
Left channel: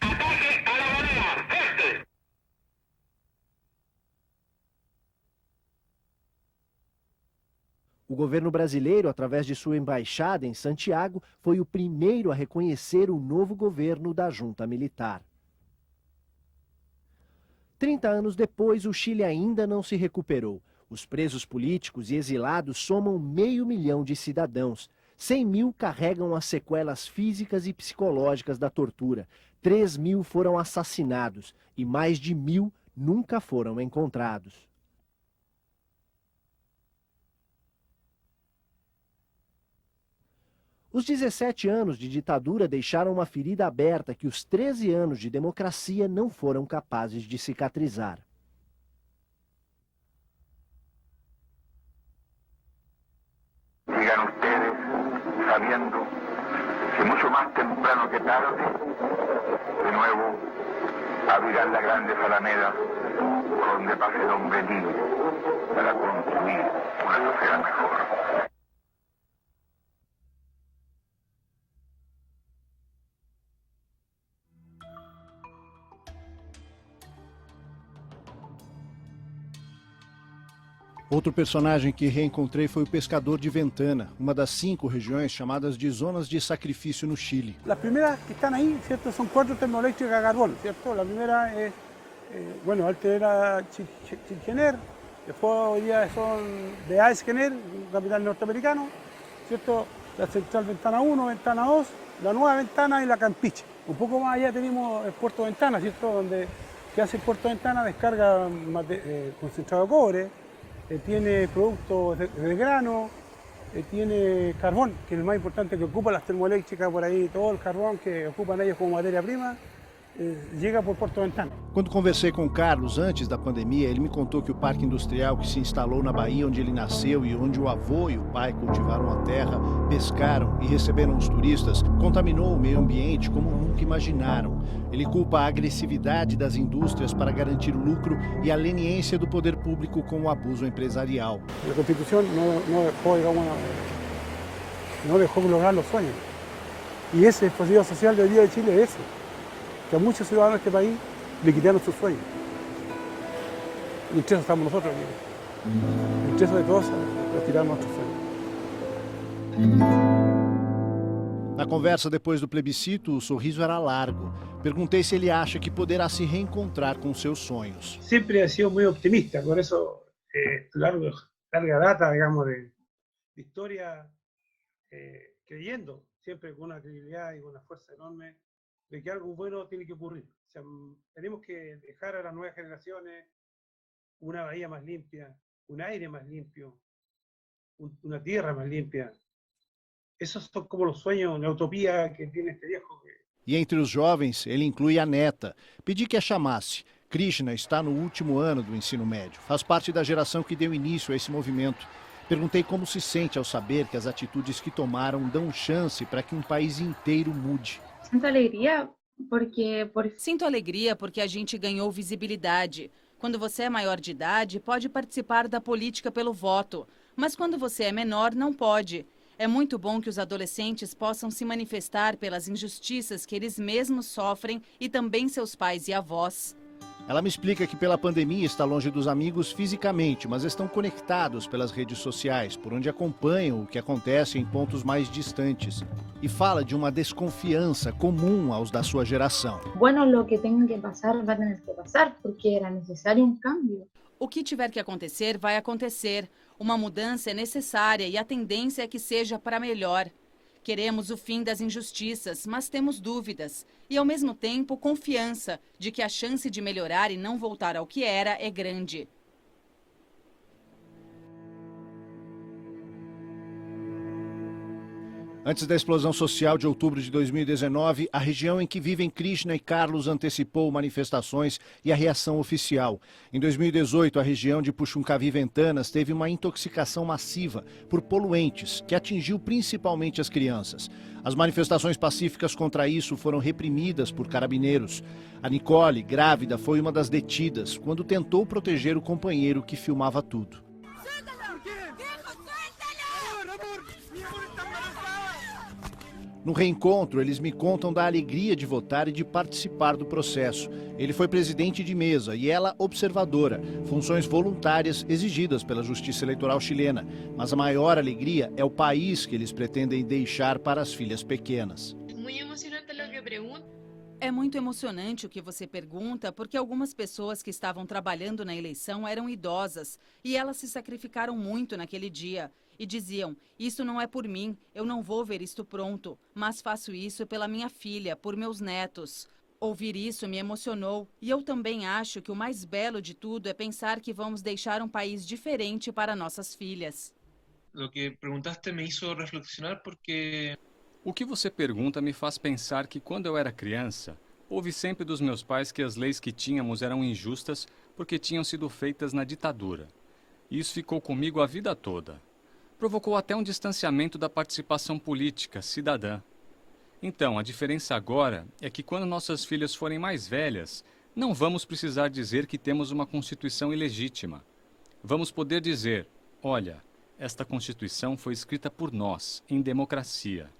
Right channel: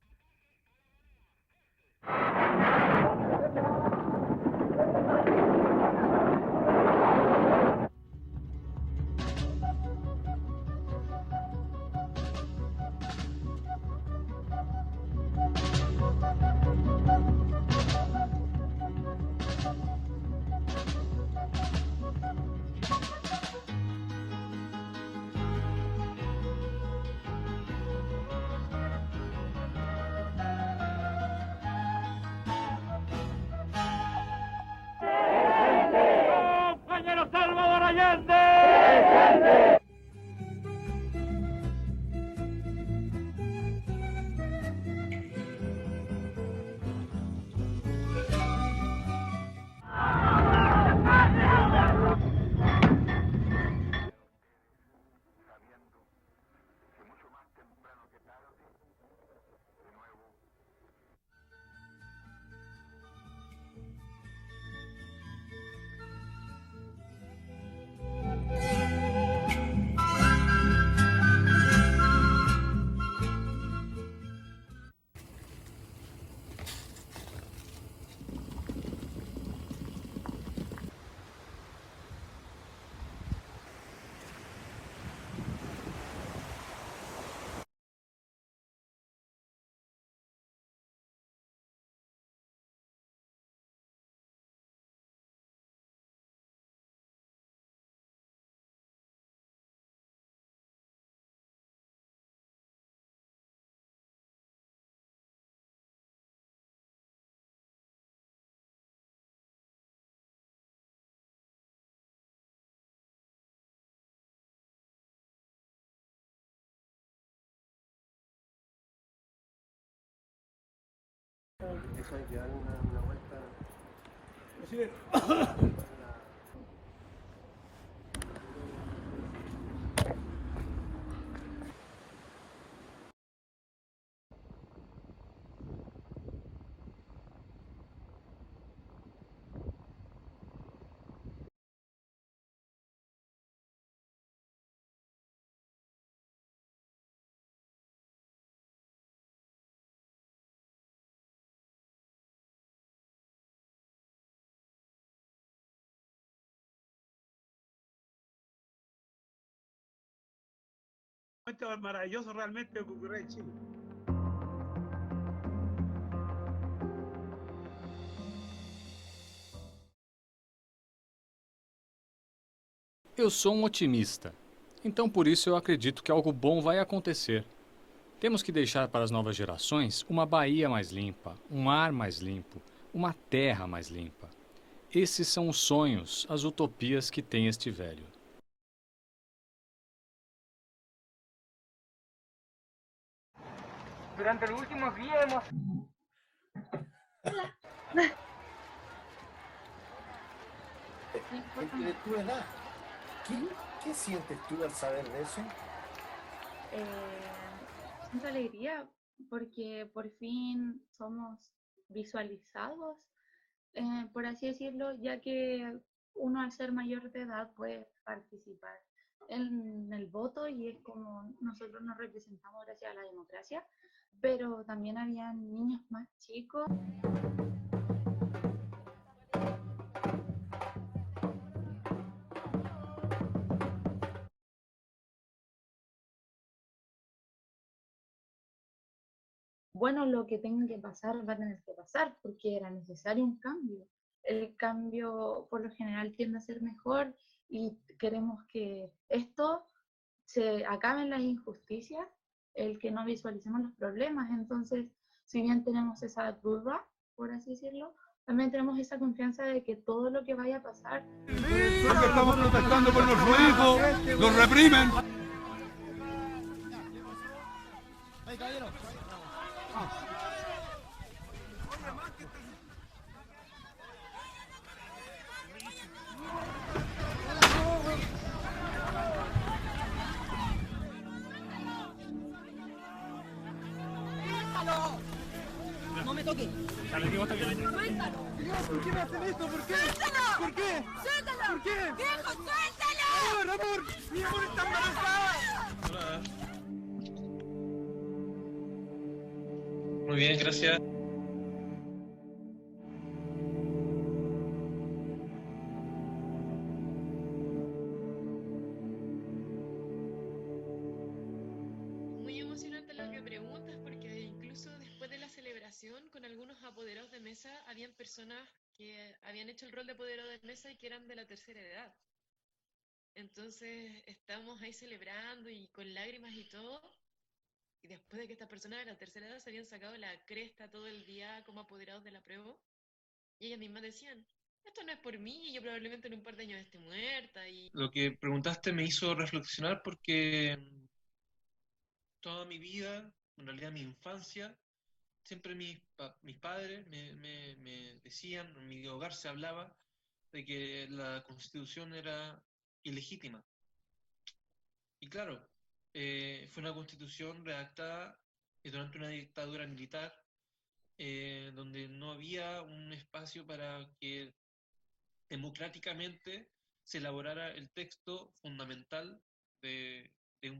Ataque a la moneda, fuerte. O governo brasileiro, através de sua embaixada em Santiago, foi o primeiro a reconhecer o novo governo da junta militar. 30 anos depois, o Chile ainda não se recuperou. Os presos políticos e exilados somam 500 mil de cidadãos. 100 mil carregam as sequelas físicas e psicológicas da tortura. 3 mil foram assassinados e mais de 1000 nunca foram encontrados. Os 17 anos de ditadura deixaram uma ferida aberta que os 13 anos de democracia não foram capazes de cicatrizar. Digan ustedes, sabiendo que mucho más temprano que tarde, de nuevo abrirán las grandes alamedas por donde pase el hombre libre para construir una sociedad mejor. Outro personagem que reencontrei foi o pescador de Ventana, uma das 5 regiões chamadas de zonas de sacrifício no Chile. Las primeras que están ahí, ¿cierto? Son 4 termoeléctricas a carbón, ¿cierto? La primera es, bueno, antes era Chilgener, después hoy día son de Aesgener, un capital norteamericano, ¿cierto? La central Ventana 1, Ventana 2, la nueva Ventana y la Campiche. Un poco más allá tenemos el puerto Ventana, ¿cierto? Donde que hace el puerto Ventana descarga concentrado de cobre, tiene productos de grano, tiene carbón, que es el más importante que ocupa las termoeléctricas por ahí, todo el carbón que ocupan ellos como materia prima, llega por Porto Ventana. Quando conversei com o Carlos antes da pandemia, ele me contou que o parque industrial que se instalou na Bahia, onde ele nasceu e onde o avô e o pai cultivaram a terra, pescaram e receberam os turistas, contaminou o meio ambiente como nunca imaginaram. Ele culpa a agressividade das indústrias para garantir lucro e a leniência do poder público com o abuso empresarial. A Constituição não deixou lograr os sonhos. E esse estallido social del día de Chile es ese, que a muchos ciudadanos de este país le quitaron sus sueños. Y entre eso estamos nosotros aquí. Entre eso de todos, nos quitaron nuestros sueños. Na conversa depois do plebiscito, o sorriso era largo. Perguntei se ele acha que poderá se reencontrar com seus sonhos. Sempre ha sido muito otimista, por isso larga data, digamos, de... Eu sou um otimista. Então, por isso, eu acredito que algo bom vai acontecer. Temos que deixar para as novas gerações uma Bahia mais limpa, um ar mais limpo, uma terra mais limpa. Esses são os sonhos, as utopias que tem este velho. Uma terra mais limpa. Esses são como os sonhos, a utopia que tem este viejo. E entre os jovens, ele inclui a neta. Pedi que a chamasse. Krishna está no último ano do ensino médio. Faz parte da geração que deu início a esse movimento. Perguntei como se sente ao saber que as atitudes que tomaram dão chance para que um país inteiro mude. Sinto alegria porque a gente ganhou visibilidade. Quando você é maior de idade, pode participar da política pelo voto. Mas quando você é menor, não pode. É muito bom que os adolescentes possam se manifestar pelas injustiças que eles mesmos sofrem e também seus pais e avós. Ela me explica que pela pandemia está longe dos amigos fisicamente, mas estão conectados pelas redes sociais, por onde acompanham o que acontece em pontos mais distantes. E fala de uma desconfiança comum aos da sua geração. Lo que tenga que pasar, va a tener que pasar, porque era necesario un cambio. O que tiver que acontecer, vai acontecer. Uma mudança é necessária e a tendência é que seja para melhor. Queremos o fim das injustiças, mas temos dúvidas. E, ao mesmo tempo, confiança de que a chance de melhorar e não voltar ao que era é grande. Antes da explosão social de outubro de 2019, a região em que vivem Krishna e Carlos antecipou manifestações e a reação oficial. Em 2018, a região de Puxuncaví Ventanas teve uma intoxicação massiva por poluentes, que atingiu principalmente as crianças. As manifestações pacíficas contra isso foram reprimidas por carabineiros. A Nicole, grávida, foi uma das detidas quando tentou proteger o companheiro que filmava tudo. No reencontro, eles me contam da alegria de votar e de participar do processo. Ele foi presidente de mesa e ela observadora, funções voluntárias exigidas pela Justiça Eleitoral chilena. Mas a maior alegria é o país que eles pretendem deixar para as filhas pequenas. É muito emocionante o que você pergunta, porque algumas pessoas que estavam trabalhando na eleição eram idosas e elas se sacrificaram muito naquele dia. E diziam, isso não é por mim, eu não vou ver isto pronto, mas faço isso pela minha filha, por meus netos. Ouvir isso me emocionou e eu também acho que o mais belo de tudo é pensar que vamos deixar um país diferente para nossas filhas. O que perguntaste me hizo reflexionar porque... O que você pergunta me faz pensar que quando eu era criança, ouvi sempre dos meus pais que as leis que tínhamos eram injustas porque tinham sido feitas na ditadura. E isso ficou comigo a vida toda. Provocou até um distanciamento da participação política, cidadã. Então, a diferença agora é que quando nossas filhas forem mais velhas, não vamos precisar dizer que temos uma Constituição ilegítima. Vamos poder dizer, olha, esta Constituição foi escrita por nós, em democracia.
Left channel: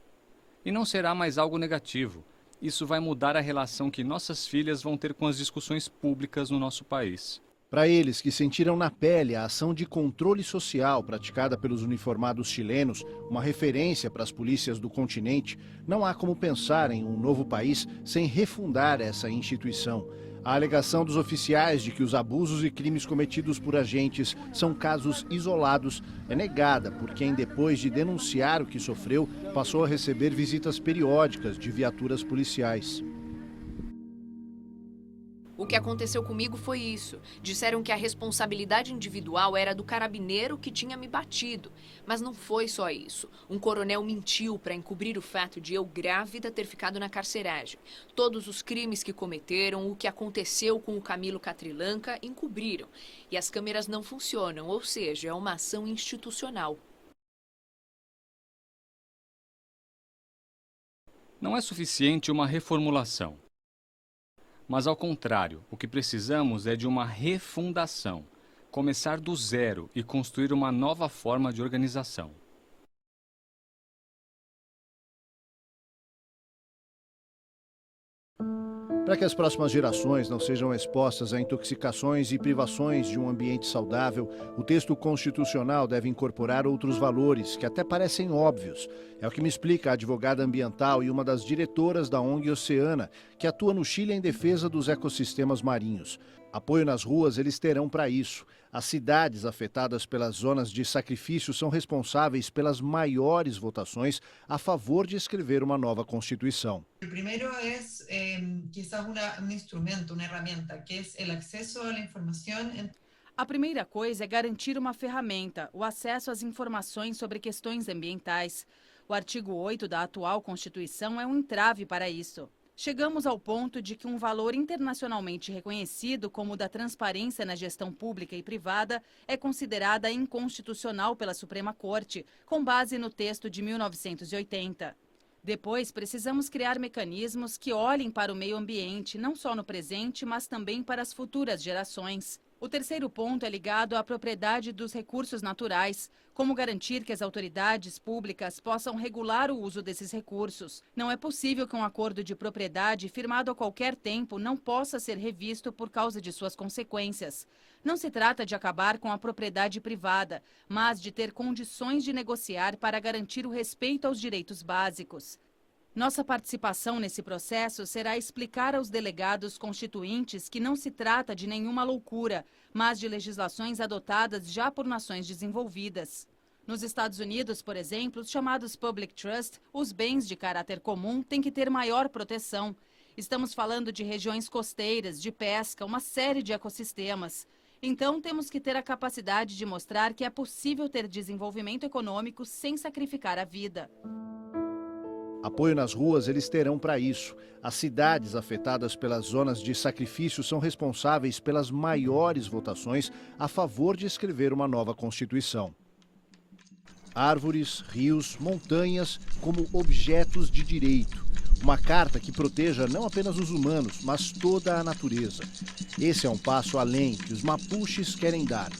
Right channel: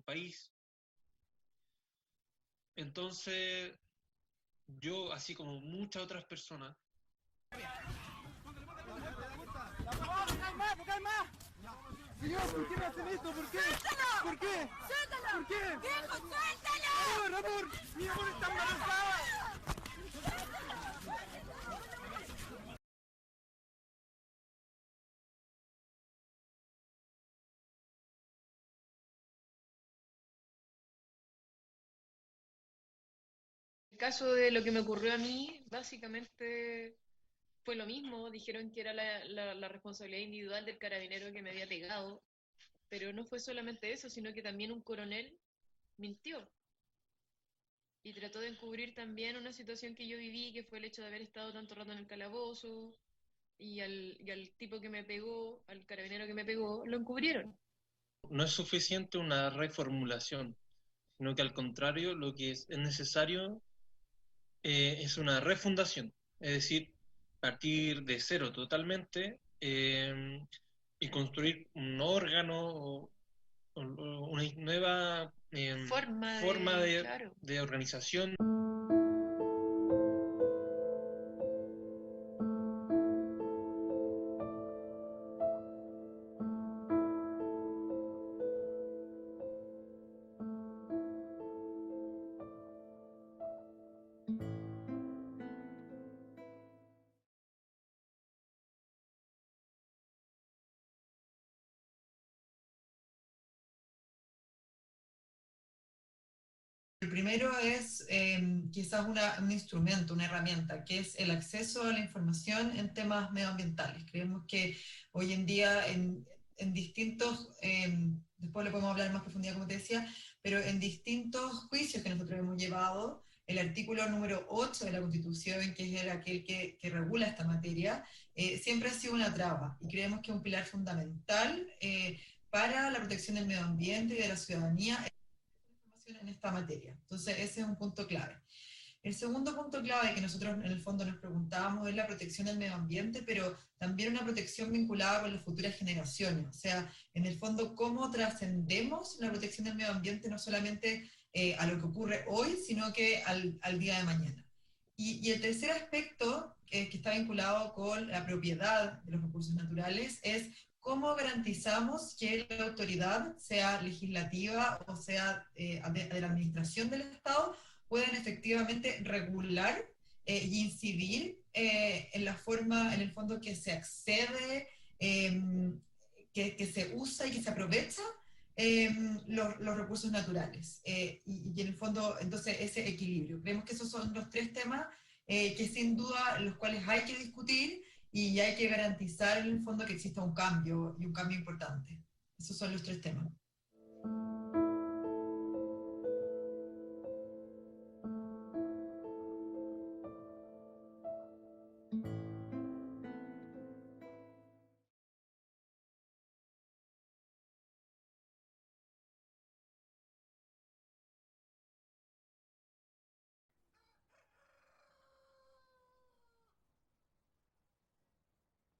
E não será mais algo negativo. Isso vai mudar a relação que nossas filhas vão ter com as discussões públicas no nosso país. Para eles que sentiram na pele a ação de controle social praticada pelos uniformados chilenos, uma referência para as polícias do continente, não há como pensar em um novo país sem refundar essa instituição. A alegação dos oficiais de que os abusos e crimes cometidos por agentes são casos isolados é negada por quem, depois de denunciar o que sofreu, passou a receber visitas periódicas de viaturas policiais. O que aconteceu comigo foi isso. Disseram que a responsabilidade individual era do carabineiro que tinha me batido. Mas não foi só isso. Um coronel mentiu para encobrir o fato de eu, grávida, ter ficado na carceragem. Todos os crimes que cometeram, o que aconteceu com o Camilo Catrillanca, encobriram. E as câmeras não funcionam, ou seja, é uma ação institucional. Não é suficiente uma reformulação. Não é suficiente uma reformulação. Mas, ao contrário, o que precisamos é de uma refundação, começar do zero e construir uma nova forma de organização. Para que as próximas gerações não sejam expostas a intoxicações e privações de um ambiente saudável, o texto constitucional deve incorporar outros valores que até parecem óbvios. É o que me explica a advogada ambiental e uma das diretoras da ONG Oceana, que atua no Chile em defesa dos ecossistemas marinhos. Apoio nas ruas eles terão para isso. As cidades afetadas pelas zonas de sacrifício são responsáveis pelas maiores votações a favor de escrever uma nova Constituição. O primeiro é quizás um instrumento, uma ferramenta, que é o acesso à informação em temas A primeira coisa é garantir uma ferramenta, o acesso às informações sobre questões ambientais. O artigo 8 da atual Constituição é um entrave para isso. Chegamos ao ponto de que um valor internacionalmente reconhecido como o da transparência na gestão pública e privada é considerada inconstitucional pela Suprema Corte, com base no texto de 1980. Depois, precisamos criar mecanismos que olhem para o meio ambiente, não só no presente, mas também para as futuras gerações. O terceiro ponto é ligado à propriedade dos recursos naturais. Como garantir que as autoridades públicas possam regular o uso desses recursos? Não é possível que um acordo de propriedade firmado a qualquer tempo não possa ser revisto por causa de suas consequências. Não se trata de acabar com a propriedade privada, mas de ter condições de negociar para garantir o respeito aos direitos básicos. Nossa participação nesse processo será explicar aos delegados constituintes que não se trata de nenhuma loucura, mas de legislações adotadas já por nações desenvolvidas. Nos Estados Unidos, por exemplo, os chamados public trust, os bens de caráter comum, têm que ter maior proteção. Estamos falando de regiões costeiras, de pesca, uma série de ecossistemas. Então, temos que ter a capacidade de mostrar que é possível ter desenvolvimento econômico sem sacrificar a vida. Apoio nas ruas eles terão para isso. As cidades afetadas pelas zonas de sacrifício são responsáveis pelas maiores votações a favor de escrever uma nova Constituição. Árvores, rios, montanhas como objetos de direito. Uma carta que proteja não apenas os humanos, mas toda a natureza. Esse é um passo além que os mapuches querem dar.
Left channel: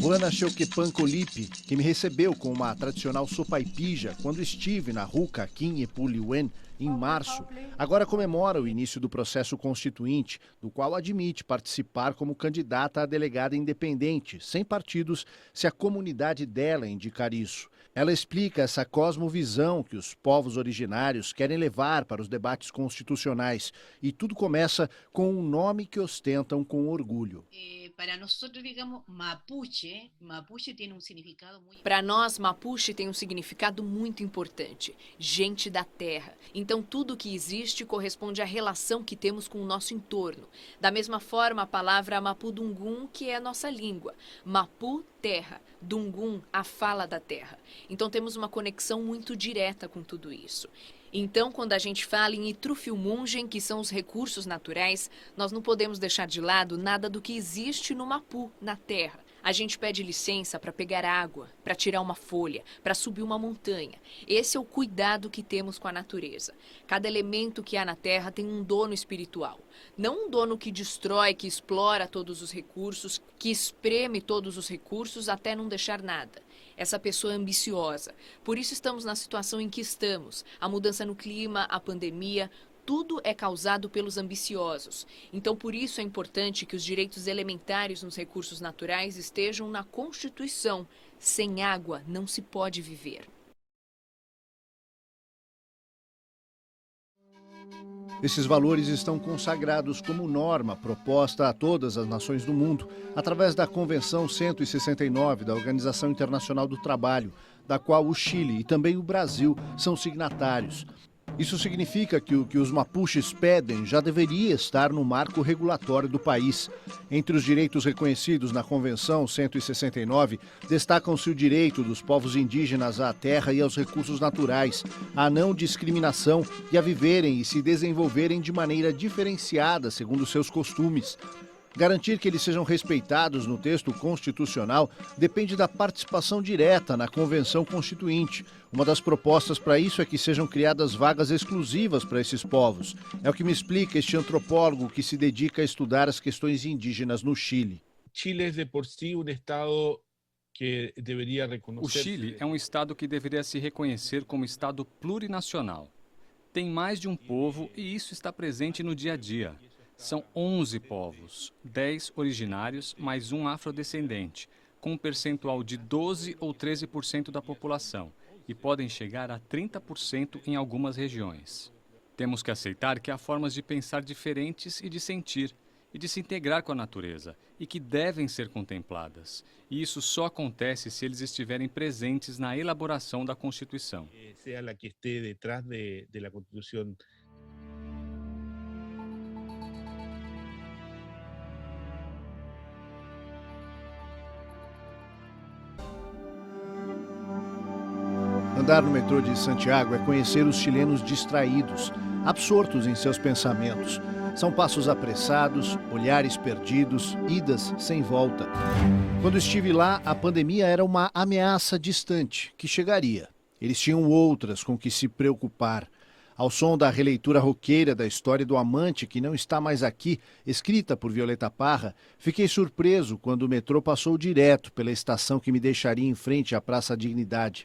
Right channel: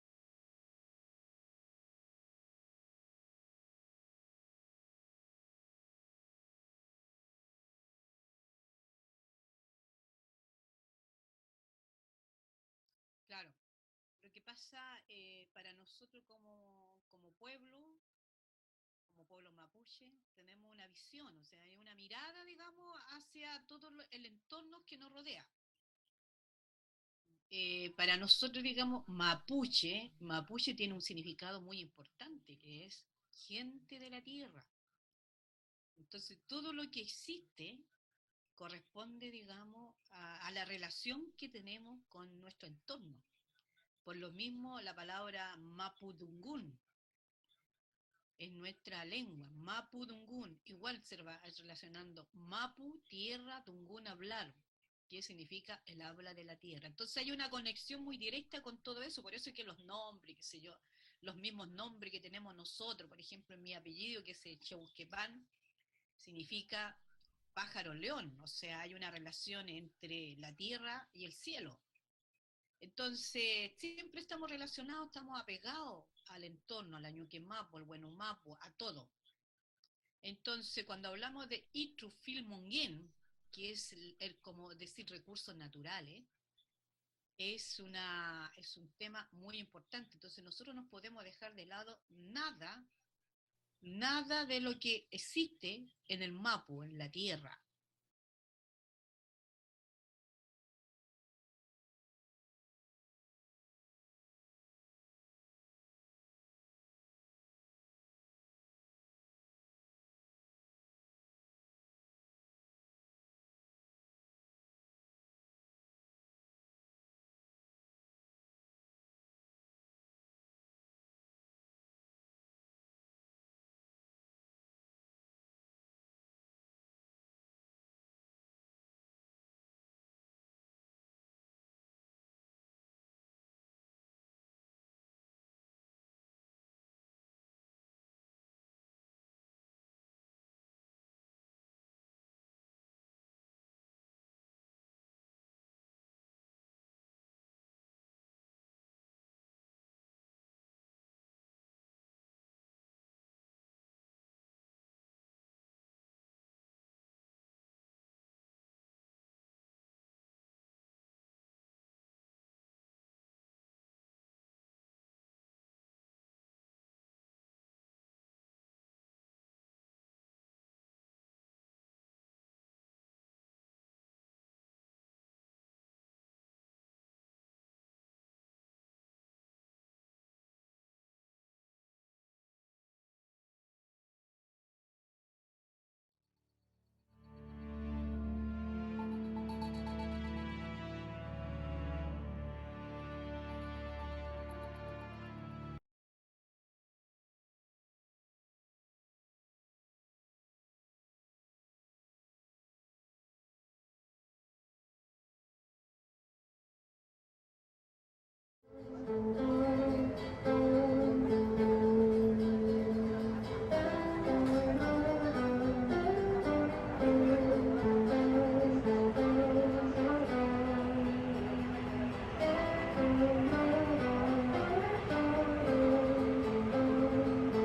Juana Xeuquepan Colipe, que me recebeu com uma tradicional sopaipilla quando estive na Ruca, aqui em Epuliuen, em março, agora comemora o início do processo constituinte, do qual admite participar como candidata a delegada independente, sem partidos, se a comunidade dela indicar isso. Ela explica essa cosmovisão que os povos originários querem levar para os debates constitucionais. E tudo começa com um nome que ostentam com orgulho. Para nós, digamos, Mapuche tem um significado muito... Para nós, Mapuche tem um significado muito importante. Gente da terra. Então, tudo que existe corresponde à relação que temos com o nosso entorno. Da mesma forma, a palavra Mapudungun, que é a nossa língua. Mapu, terra. Dungun, a fala da terra. Então temos uma conexão muito direta com tudo isso. Então, quando a gente fala em Itrufilmungen, que são os recursos naturais, nós não podemos deixar de lado nada do que existe no Mapu, na terra. A gente pede licença para pegar água, para tirar uma folha, para subir uma montanha. Esse é o cuidado que temos com a natureza. Cada elemento que há na terra tem um dono espiritual. Não um dono que destrói, que explora todos os recursos, que espreme todos os recursos até não deixar nada. Essa pessoa é ambiciosa. Por isso estamos na situação em que estamos. A mudança no clima, a pandemia, tudo é causado pelos ambiciosos. Então, por isso é importante que os direitos elementares nos recursos naturais estejam na Constituição. Sem água não se pode viver. Nada de lo que existe no Mapu, na terra. Esses valores estão consagrados como norma proposta a todas as nações do mundo, através da Convenção 169 da Organização Internacional do Trabalho, da qual o Chile e também o Brasil são signatários. Isso significa que o que os mapuches pedem já deveria estar no marco regulatório do país. Entre os direitos reconhecidos na Convenção 169, destacam-se o direito dos povos indígenas à terra e aos recursos naturais, à não discriminação e a viverem e se desenvolverem de maneira diferenciada segundo seus costumes. Garantir que eles sejam respeitados no texto constitucional depende da participação direta na Convenção Constituinte. Uma das propostas para isso é que sejam criadas vagas exclusivas para esses povos. É o que me explica este antropólogo que se dedica a estudar as questões indígenas no Chile. Chile é de por si um estado que deveria reconhecer... O Chile é um estado que deveria se reconhecer como estado plurinacional. Tem mais de um povo e isso está presente no dia a dia. São 11 povos, 10 originários, mais um afrodescendente, com um percentual de 12 ou 13% da população, e podem chegar a 30% em algumas regiões. Temos que aceitar que há formas de pensar diferentes e de sentir, e de se integrar com a natureza, e que devem ser contempladas. E isso só acontece se eles estiverem presentes na elaboração da Constituição. Seja a que esteja detrás da Constituição. Andar no metrô de Santiago é conhecer os chilenos distraídos, absortos em seus pensamentos. São passos apressados, olhares perdidos, idas sem volta. Quando estive lá, a pandemia era uma ameaça distante, que chegaria. Eles tinham outras com que se preocupar. Ao som da releitura roqueira da história do amante que não está mais aqui, escrita por Violeta Parra, fiquei surpreso quando o metrô passou direto pela estação que me deixaria em frente à Praça Dignidade.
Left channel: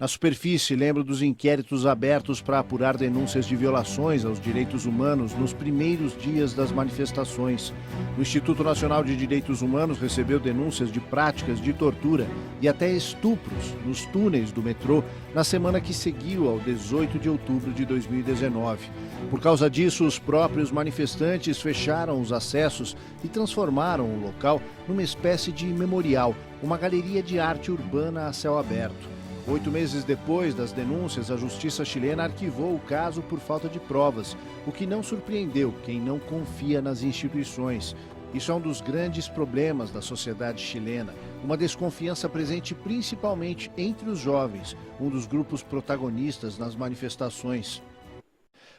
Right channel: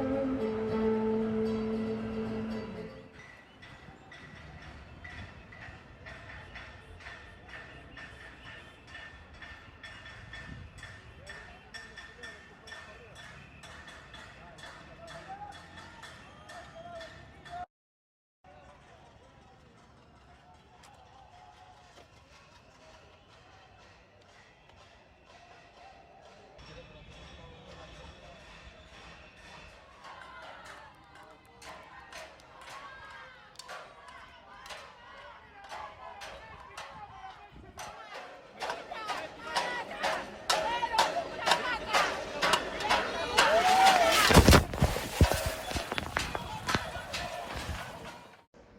Na superfície, lembro dos inquéritos abertos para apurar denúncias de violações aos direitos humanos nos primeiros dias das manifestações. O Instituto Nacional de Direitos Humanos recebeu denúncias de práticas de tortura e até estupros nos túneis do metrô na semana que seguiu ao 18 de outubro de 2019. Por causa disso, os próprios manifestantes fecharam os acessos e transformaram o local numa espécie de memorial, uma galeria de arte urbana a céu aberto. 8 meses depois das denúncias, a justiça chilena arquivou o caso por falta de provas, o que não surpreendeu quem não confia nas instituições. Isso é um dos grandes problemas da sociedade chilena, uma desconfiança presente principalmente entre os jovens, um dos grupos protagonistas nas manifestações.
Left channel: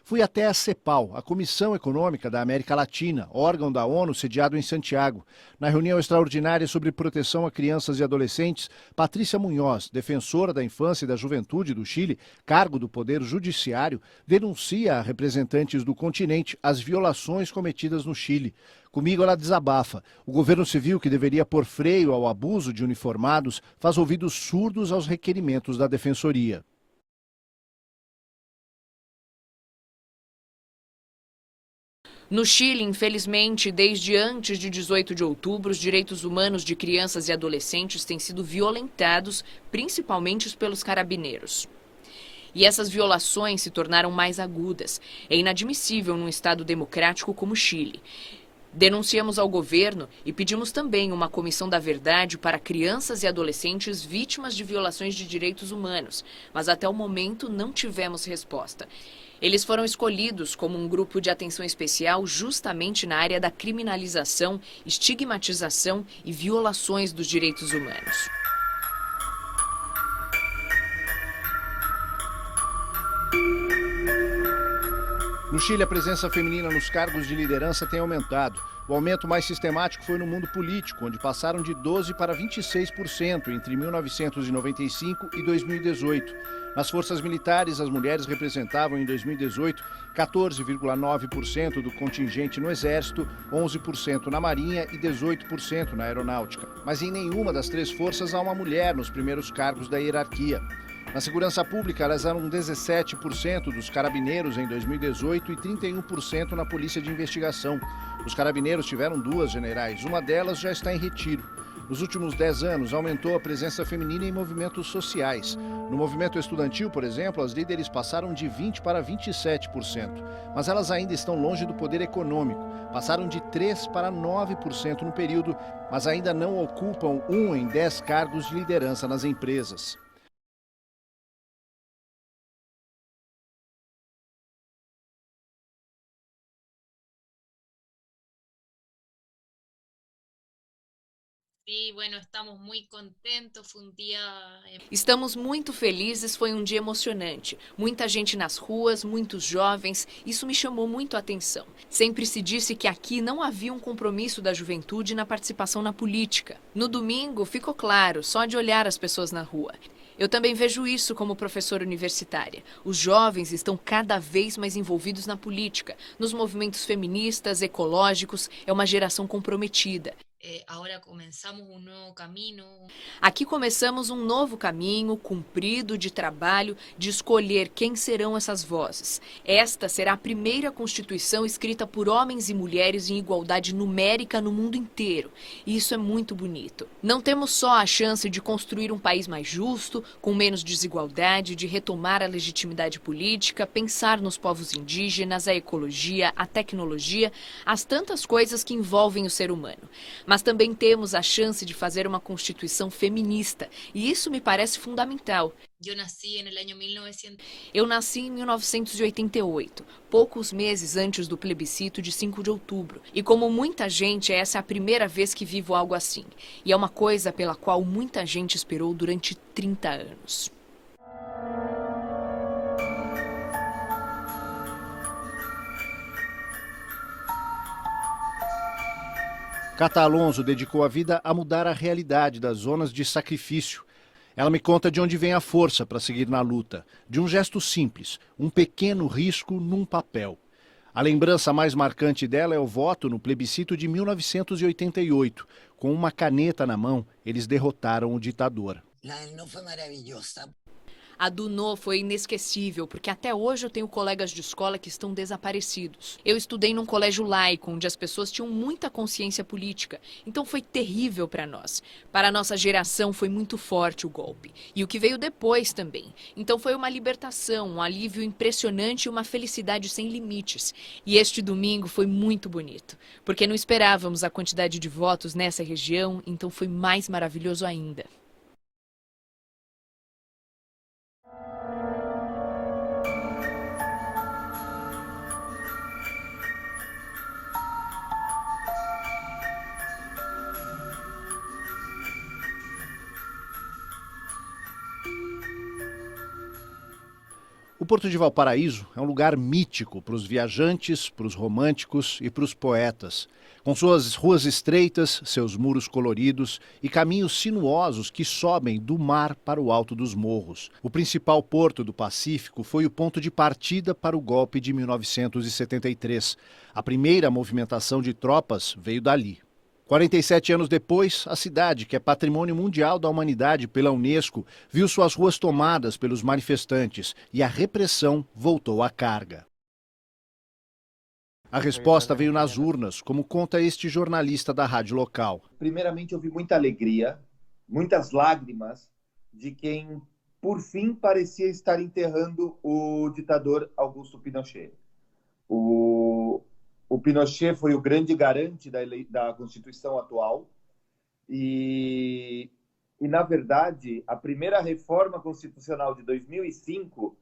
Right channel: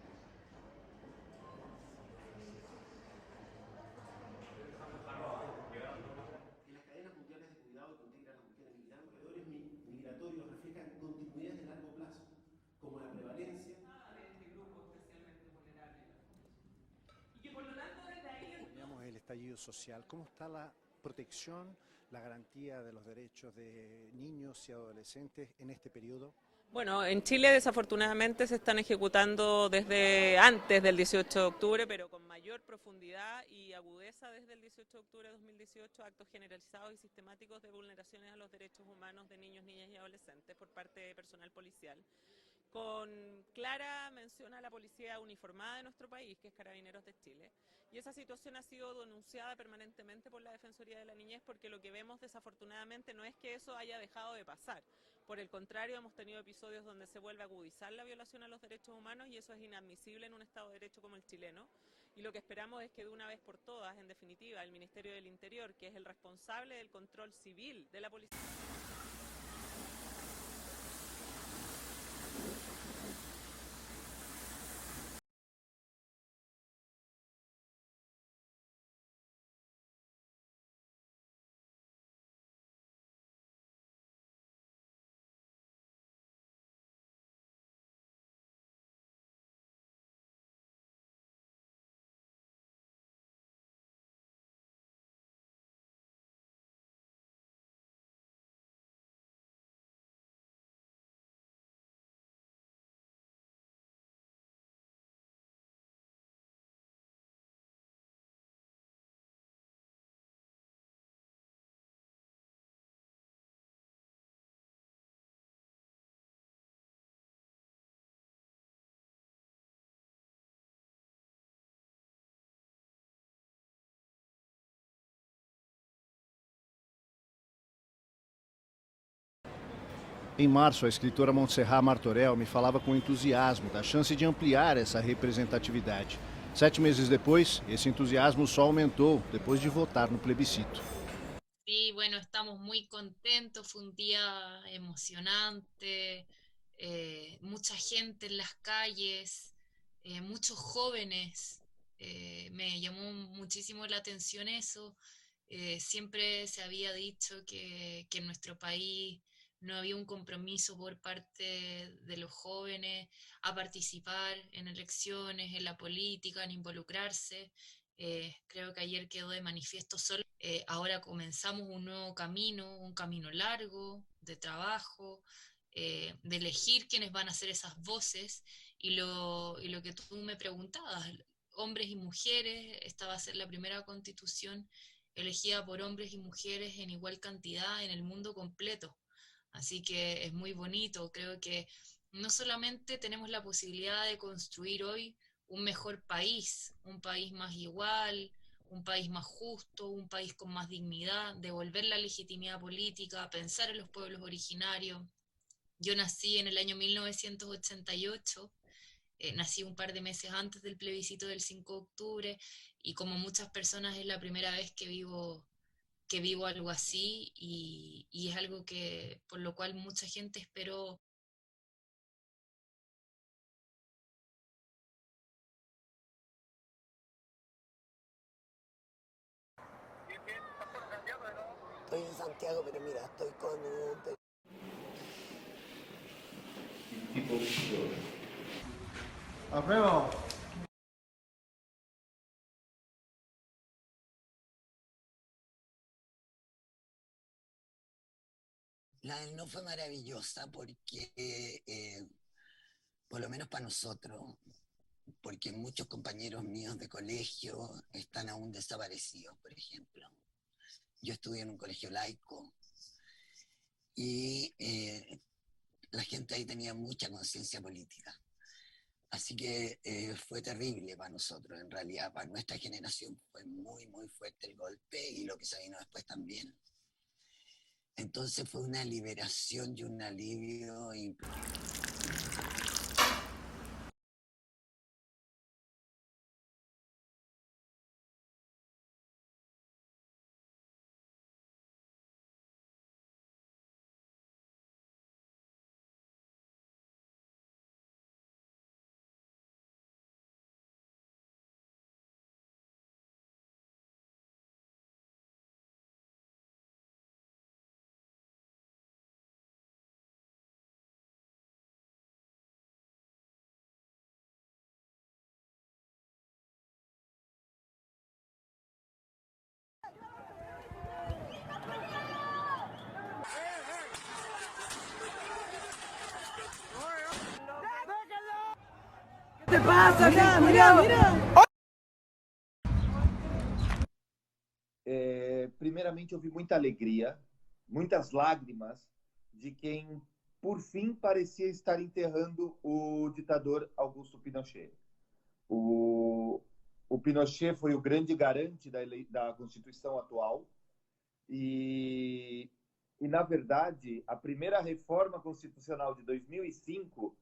Fui até a CEPAL, a Comissão Econômica da América Latina, órgão da ONU sediado em Santiago. Na reunião extraordinária sobre proteção a crianças e adolescentes, Patrícia Munhoz, defensora da infância e da juventude do Chile, cargo do Poder Judiciário, denuncia a representantes do continente as violações cometidas no Chile. Comigo ela desabafa. O governo civil, que deveria pôr freio ao abuso de uniformados, faz ouvidos surdos aos requerimentos da Defensoria. Bueno, en Chile desafortunadamente se están ejecutando desde antes del 18 de octubre, pero... No Chile, infelizmente, desde antes de 18 de outubro, os direitos humanos de crianças e adolescentes têm sido violentados, principalmente pelos carabineiros. E essas violações se tornaram mais agudas. É inadmissível num Estado democrático como o Chile. Denunciamos ao governo e pedimos também uma comissão da verdade para crianças e adolescentes vítimas de violações de direitos humanos, mas até o momento não tivemos resposta. Eles foram escolhidos como um grupo de atenção especial justamente na área da criminalização, estigmatização e violações dos direitos humanos. No Chile, a presença feminina nos cargos de liderança tem aumentado. O aumento mais sistemático foi no mundo político, onde passaram de 12% para 26% entre 1995 e 2018. Nas forças militares, as mulheres representavam em 2018 14,9% do contingente no Exército, 11% na Marinha e 18% na Aeronáutica. Mas em nenhuma das três forças há uma mulher nos primeiros cargos da hierarquia. Na segurança pública, elas eram 17% dos carabineiros em 2018 e 31% na polícia de investigação. Os carabineiros tiveram 2 generais, uma delas já está em retiro. Nos últimos 10 anos, aumentou a presença feminina em movimentos sociais. No movimento estudantil, por exemplo, as líderes passaram de 20% para 27%. Mas elas ainda estão longe do poder econômico. Passaram de 3% para 9% no período, mas ainda não ocupam 1 em 10 cargos de liderança nas empresas. Em março, a escritora Montserrat Martorell me falava com entusiasmo da chance de ampliar essa representatividade. 7 meses depois, esse entusiasmo só aumentou depois de votar no plebiscito. Estamos muito felizes, foi um dia emocionante. Muita gente nas ruas, muitos jovens, isso me chamou muito a atenção. Sempre se disse que aqui não havia um compromisso da juventude na participação na política. No domingo, ficou claro, só de olhar as pessoas na rua. Eu também vejo isso como professora universitária. Os jovens estão cada vez mais envolvidos na política, nos movimentos feministas, ecológicos, é uma geração comprometida. Aqui começamos um novo caminho cumprido de trabalho, de escolher quem serão essas vozes. Esta será a primeira Constituição escrita por homens e mulheres em igualdade numérica no mundo inteiro. E isso é muito bonito. Não temos só a chance de construir um país mais justo, com menos desigualdade, de retomar a legitimidade política, pensar nos povos indígenas, a ecologia, a tecnologia, as tantas coisas que envolvem o ser humano. Mas também temos a chance de fazer uma Constituição feminista, e isso me parece fundamental. Eu nasci em 1988, poucos meses antes do plebiscito de 5 de outubro. E como muita gente, essa é a primeira vez que vivo algo assim. E é uma coisa pela qual muita gente esperou durante 30 anos. Cata Alonso dedicou a vida a mudar a realidade das zonas de sacrifício. Ela me conta de onde vem a força para seguir na luta. De um gesto simples, um pequeno risco num papel. A lembrança mais marcante dela é o voto no plebiscito de 1988. Com uma caneta na mão, eles derrotaram o ditador. A do No foi inesquecível, porque até hoje eu tenho colegas de escola que estão desaparecidos. Eu estudei num colégio laico, onde as pessoas tinham muita consciência política, então foi terrível para nós. Para a nossa geração foi muito forte o golpe, e o que veio depois também. Então foi uma libertação, um alívio impressionante e uma felicidade sem limites. E este domingo foi muito bonito, porque não esperávamos a quantidade de votos nessa região, então foi mais maravilhoso ainda. O Porto de Valparaíso é um lugar mítico para os viajantes, para os românticos e para os poetas. Com suas ruas estreitas, seus muros coloridos e caminhos sinuosos que sobem do mar para o alto dos morros. O principal porto do Pacífico foi o ponto de partida para o golpe de 1973. A primeira movimentação de tropas veio dali. 47 anos depois, a cidade, que é patrimônio mundial da humanidade pela Unesco, viu suas ruas tomadas pelos manifestantes e a repressão voltou à carga. A resposta veio nas urnas, como conta este jornalista da rádio local. Primeiramente, houve muita alegria, muitas lágrimas de quem, por fim, parecia estar enterrando o ditador Augusto Pinochet. O Pinochet foi o grande garante da Constituição atual e, na verdade, a primeira reforma constitucional de 2005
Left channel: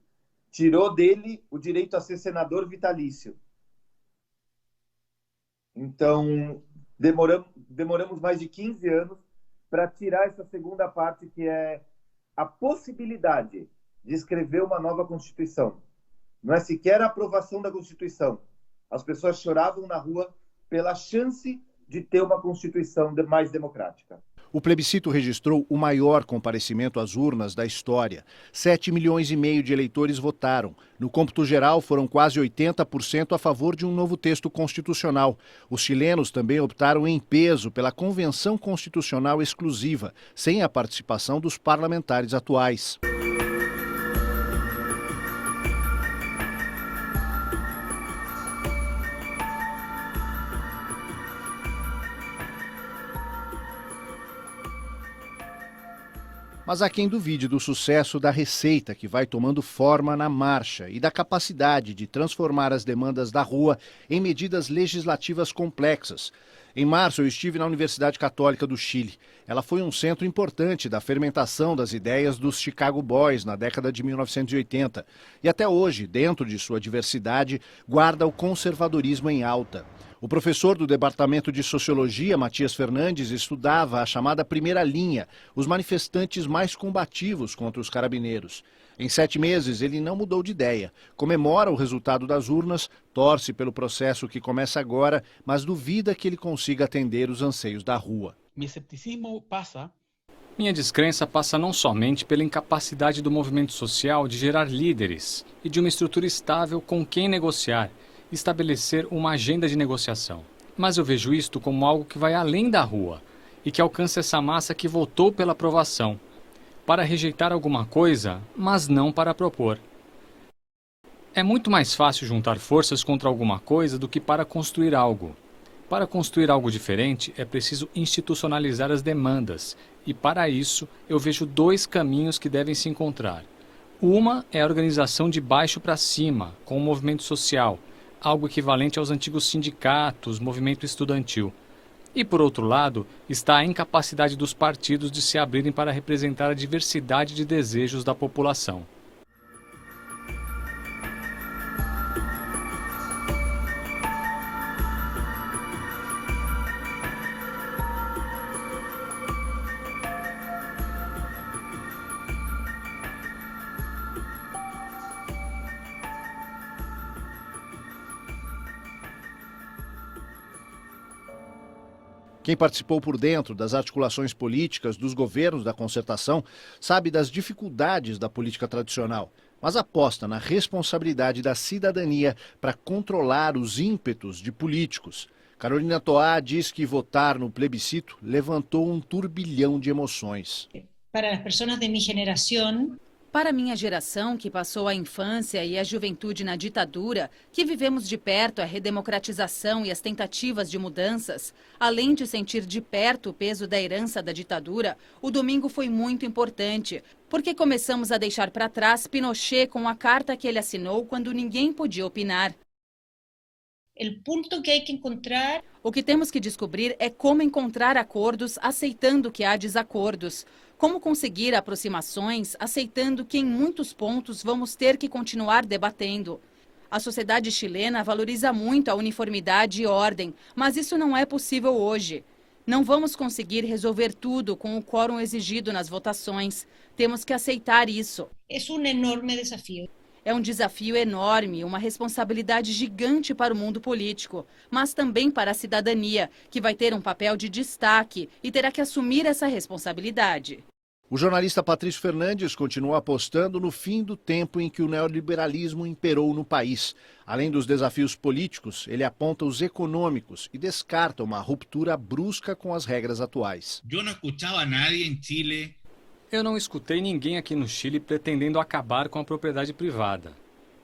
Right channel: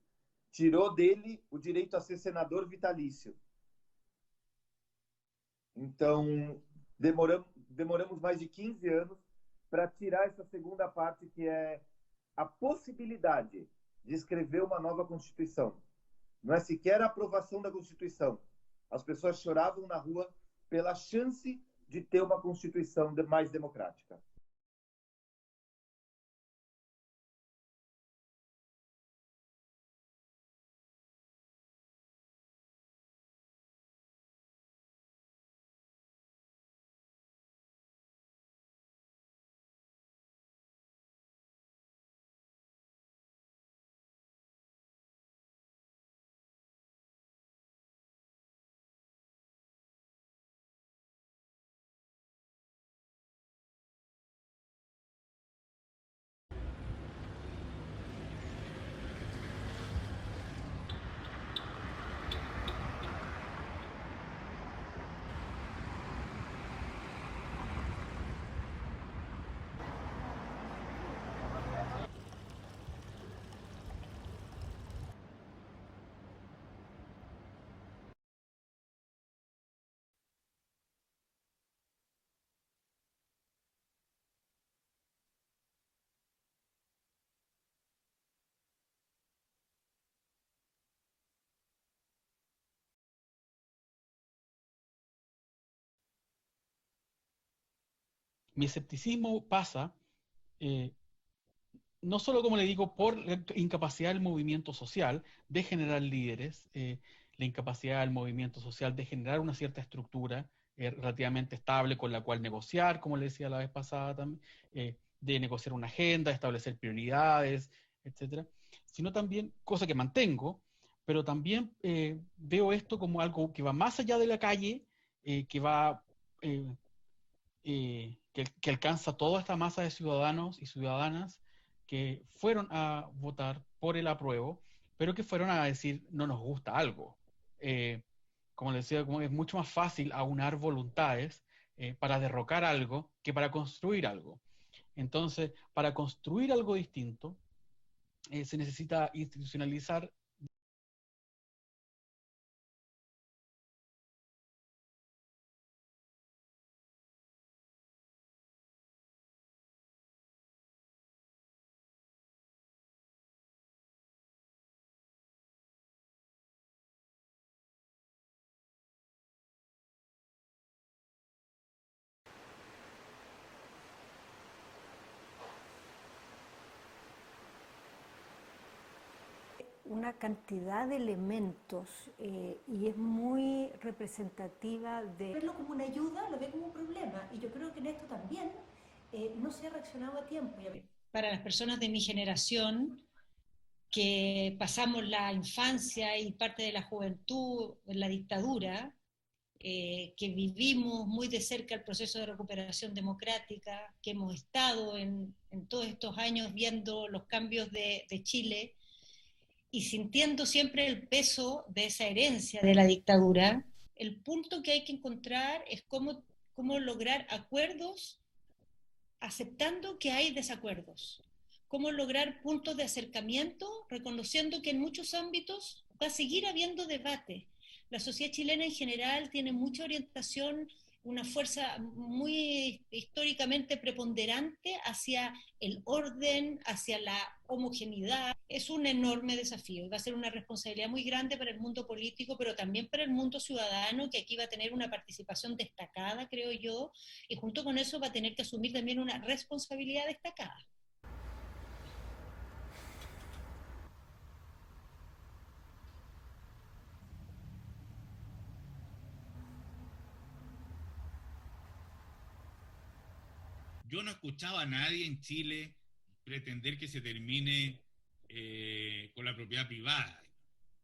tirou dele o direito a ser senador vitalício. Então, demoramos mais de 15 anos para tirar essa segunda parte, que é a possibilidade de escrever uma nova Constituição. Não é sequer a aprovação da Constituição. As pessoas choravam na rua pela chance de ter uma Constituição mais democrática. O plebiscito registrou o maior comparecimento às urnas da história. 7,5 milhões de eleitores votaram. No cômputo geral, foram quase 80% a favor de um novo texto constitucional. Os chilenos também optaram em peso pela Convenção Constitucional Exclusiva, sem a participação dos parlamentares atuais. Mas há quem duvide do sucesso da receita que vai tomando forma na marcha e da capacidade de transformar as demandas da rua em medidas legislativas complexas. Em março, eu estive na Universidade Católica do Chile. Ela foi um centro importante da fermentação das ideias dos Chicago Boys na década de 1980. E até hoje, dentro de sua diversidade, guarda o conservadorismo em alta. O professor do Departamento de Sociologia, Matias Fernandes, estudava a chamada primeira linha, os manifestantes mais combativos contra os carabineiros. Em 7 meses, ele não mudou de ideia. Comemora o resultado das urnas, torce pelo processo que começa agora, mas duvida que ele consiga atender os anseios da rua. Minha descrença passa não somente pela incapacidade do movimento social de gerar líderes e de uma estrutura estável com quem negociar, estabelecer uma agenda de negociação. Mas eu vejo isto como algo que vai além da rua e que alcança essa massa que votou pela aprovação, para rejeitar alguma coisa, mas não para propor. É muito mais fácil juntar forças contra alguma coisa do que para construir algo. Para construir algo diferente, é preciso institucionalizar as demandas. E para isso, eu vejo 2 caminhos que devem se encontrar. Uma é a organização de baixo para cima, com o movimento social, algo equivalente aos antigos sindicatos, movimento estudantil. E, por outro lado, está a incapacidade dos partidos de se abrirem para representar a diversidade de desejos da população. Quem participou por dentro das articulações políticas dos governos da concertação sabe das dificuldades da política tradicional, mas aposta na responsabilidade da cidadania para controlar os ímpetos de políticos. Carolina Toá diz que votar no plebiscito levantou um turbilhão de emoções. Para as pessoas de minha geração, Para minha geração, que passou a infância e a juventude na ditadura, que vivemos de perto a redemocratização e as tentativas de mudanças, além de sentir de perto o peso da herança da ditadura, o domingo foi muito importante, porque começamos a deixar para trás Pinochet com a carta que ele assinou quando ninguém podia opinar. O que temos que descobrir é como encontrar acordos aceitando que há desacordos. Como conseguir aproximações aceitando que em muitos pontos vamos ter que continuar debatendo. A sociedade chilena valoriza muito a uniformidade e ordem, mas isso não é possível hoje. Não vamos conseguir resolver tudo com o quórum exigido nas votações. Temos que aceitar isso. É um desafio enorme, uma responsabilidade gigante para o mundo político, mas também para a cidadania, que vai ter um papel de destaque e terá que assumir essa responsabilidade. O jornalista Patrício Fernandes continua apostando no fim do tempo em que o neoliberalismo imperou no país. Além dos desafios políticos, ele aponta os econômicos e descarta uma ruptura brusca com as regras atuais. Eu não escutei ninguém aqui no Chile pretendendo acabar com a propriedade privada.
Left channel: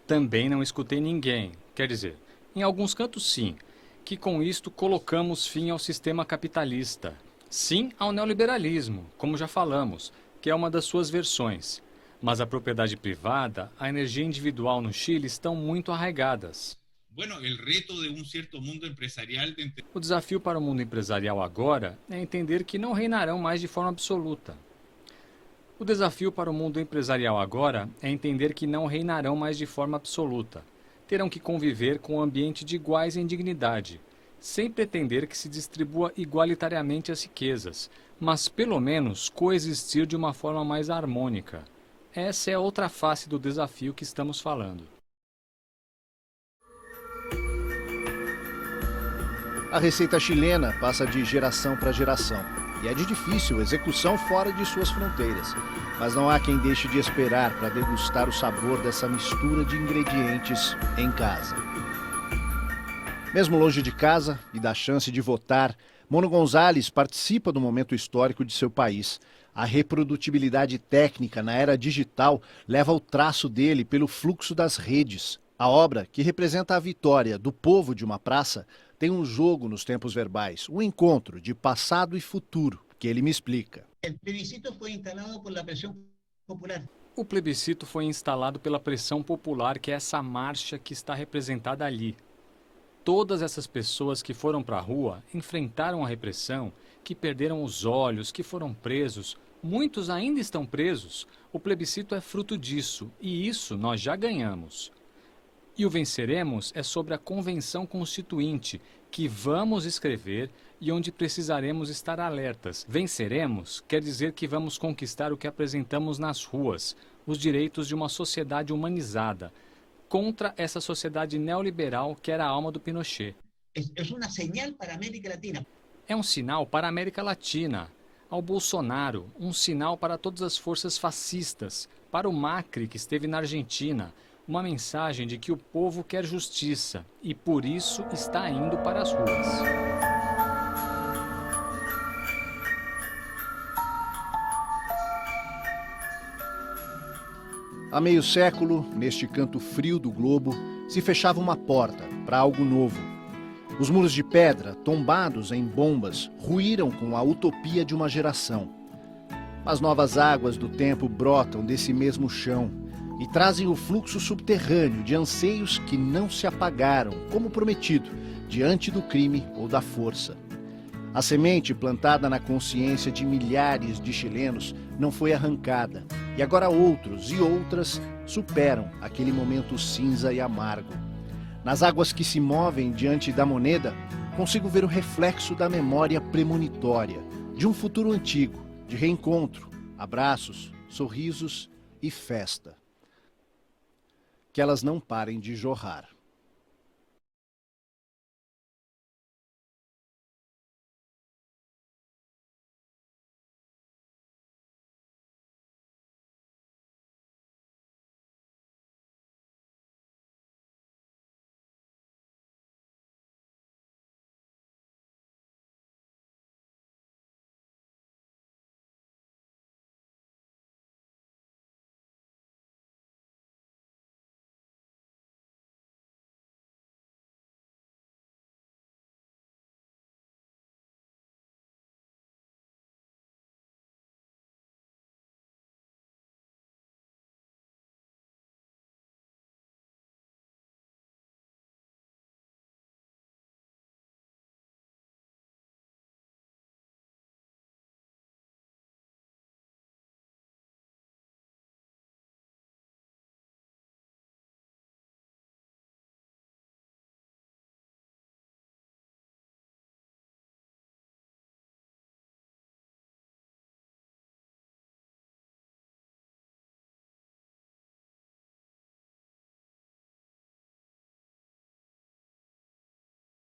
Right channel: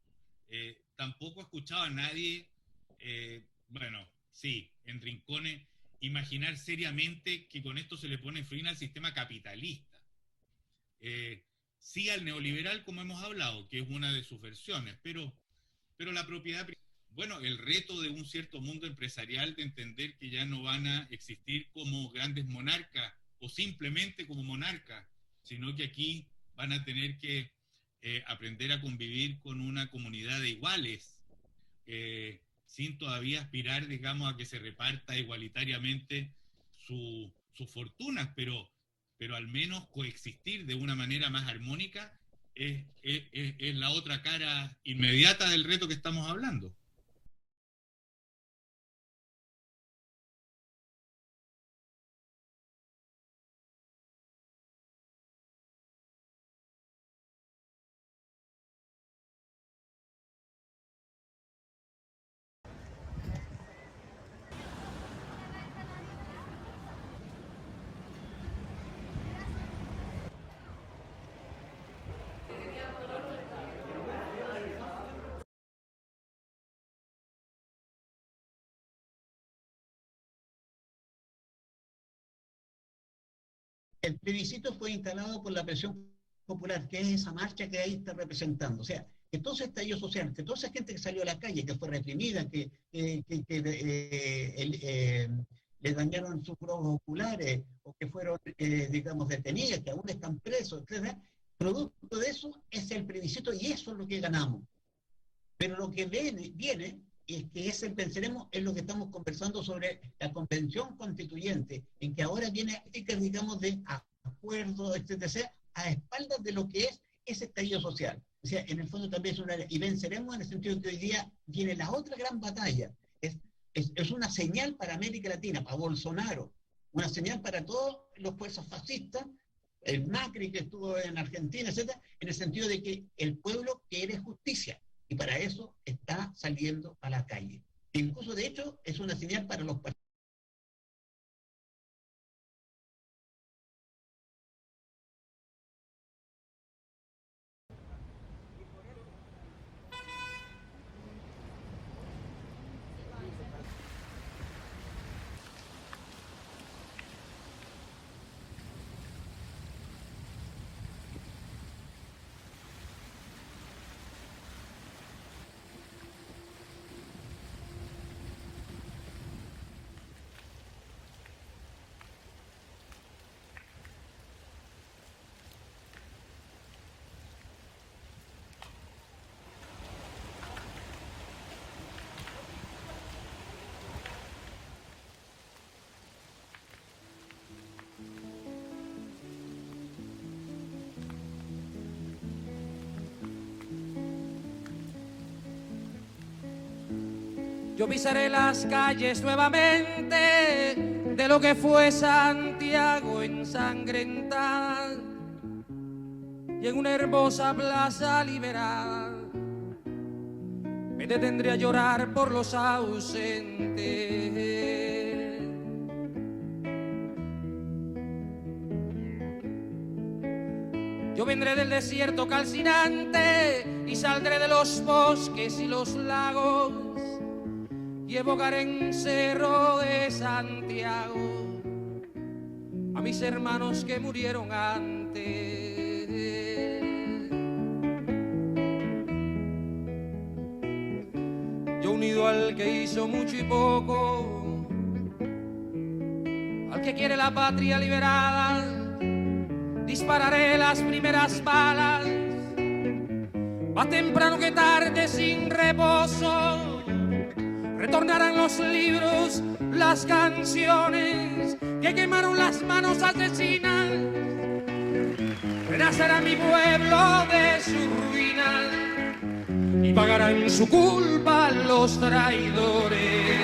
Também não escutei ninguém, quer dizer, em alguns cantos sim, que com isto colocamos fim ao sistema capitalista. Sim ao neoliberalismo, como já falamos, que é uma das suas versões. Mas a propriedade privada, a energia individual no Chile estão muito arraigadas. O desafio para o mundo empresarial agora é entender que não reinarão mais de forma absoluta. O desafio para o mundo empresarial agora é entender que não reinarão mais de forma absoluta. Terão que conviver com um ambiente de iguais em dignidade, sem pretender que se distribua igualitariamente as riquezas, mas pelo menos coexistir de uma forma mais harmônica. Essa é outra face do desafio que estamos falando. A receita chilena passa de geração para geração. E é de difícil execução fora de suas fronteiras. Mas não há quem deixe de esperar para degustar o sabor dessa mistura de ingredientes em casa. Mesmo longe de casa e da chance de votar, Mono Gonzalez participa do momento histórico de seu país. A reprodutibilidade técnica na era digital leva o traço dele pelo fluxo das redes. A obra, que representa a vitória do povo de uma praça, tem um jogo nos tempos verbais, um encontro de passado e futuro, que ele me explica. O plebiscito foi instalado pela pressão popular, que é essa marcha que está representada ali. Todas essas pessoas que foram para a rua enfrentaram a repressão, que perderam os olhos, que foram presos, muitos ainda estão presos. O plebiscito é fruto disso, e isso nós já ganhamos. E o venceremos é sobre a Convenção Constituinte, que vamos escrever e onde precisaremos estar alertas. Venceremos quer dizer que vamos conquistar o que apresentamos nas ruas, os direitos de uma sociedade humanizada, contra essa sociedade neoliberal que era a alma do Pinochet. É um sinal para a América Latina, ao Bolsonaro, um sinal para todas as forças fascistas, para o Macri, que esteve na Argentina, uma mensagem de que o povo quer justiça e, por isso, está indo para as ruas. Há meio século, neste canto frio do globo, se fechava uma porta para algo novo. Os muros de pedra, tombados em bombas, ruíram com a utopia de uma geração. As novas águas do tempo brotam desse mesmo chão e trazem o fluxo subterrâneo de anseios que não se apagaram, como prometido, diante do crime ou da força. A semente plantada na consciência de milhares de chilenos não foi arrancada, e agora outros e outras superam aquele momento cinza e amargo. Nas águas que se movem diante da moneda, consigo ver o reflexo da memória premonitória, de um futuro antigo, de reencontro, abraços, sorrisos e festa. Que elas não parem de jorrar. Yo pisaré las calles nuevamente de lo que fue Santiago ensangrentada y en una hermosa plaza liberada me detendré a llorar por los ausentes. Yo vendré del desierto calcinante y saldré de los bosques y los lagos y evocaré en Cerro de Santiago a mis hermanos que murieron antes. Yo unido al que hizo mucho y poco, al que quiere la patria liberada, dispararé las primeras balas, más temprano que tarde sin reposo. Retornarán los libros, las canciones que quemaron las manos asesinas. Renacerá mi pueblo de su ruina y pagarán su culpa los traidores.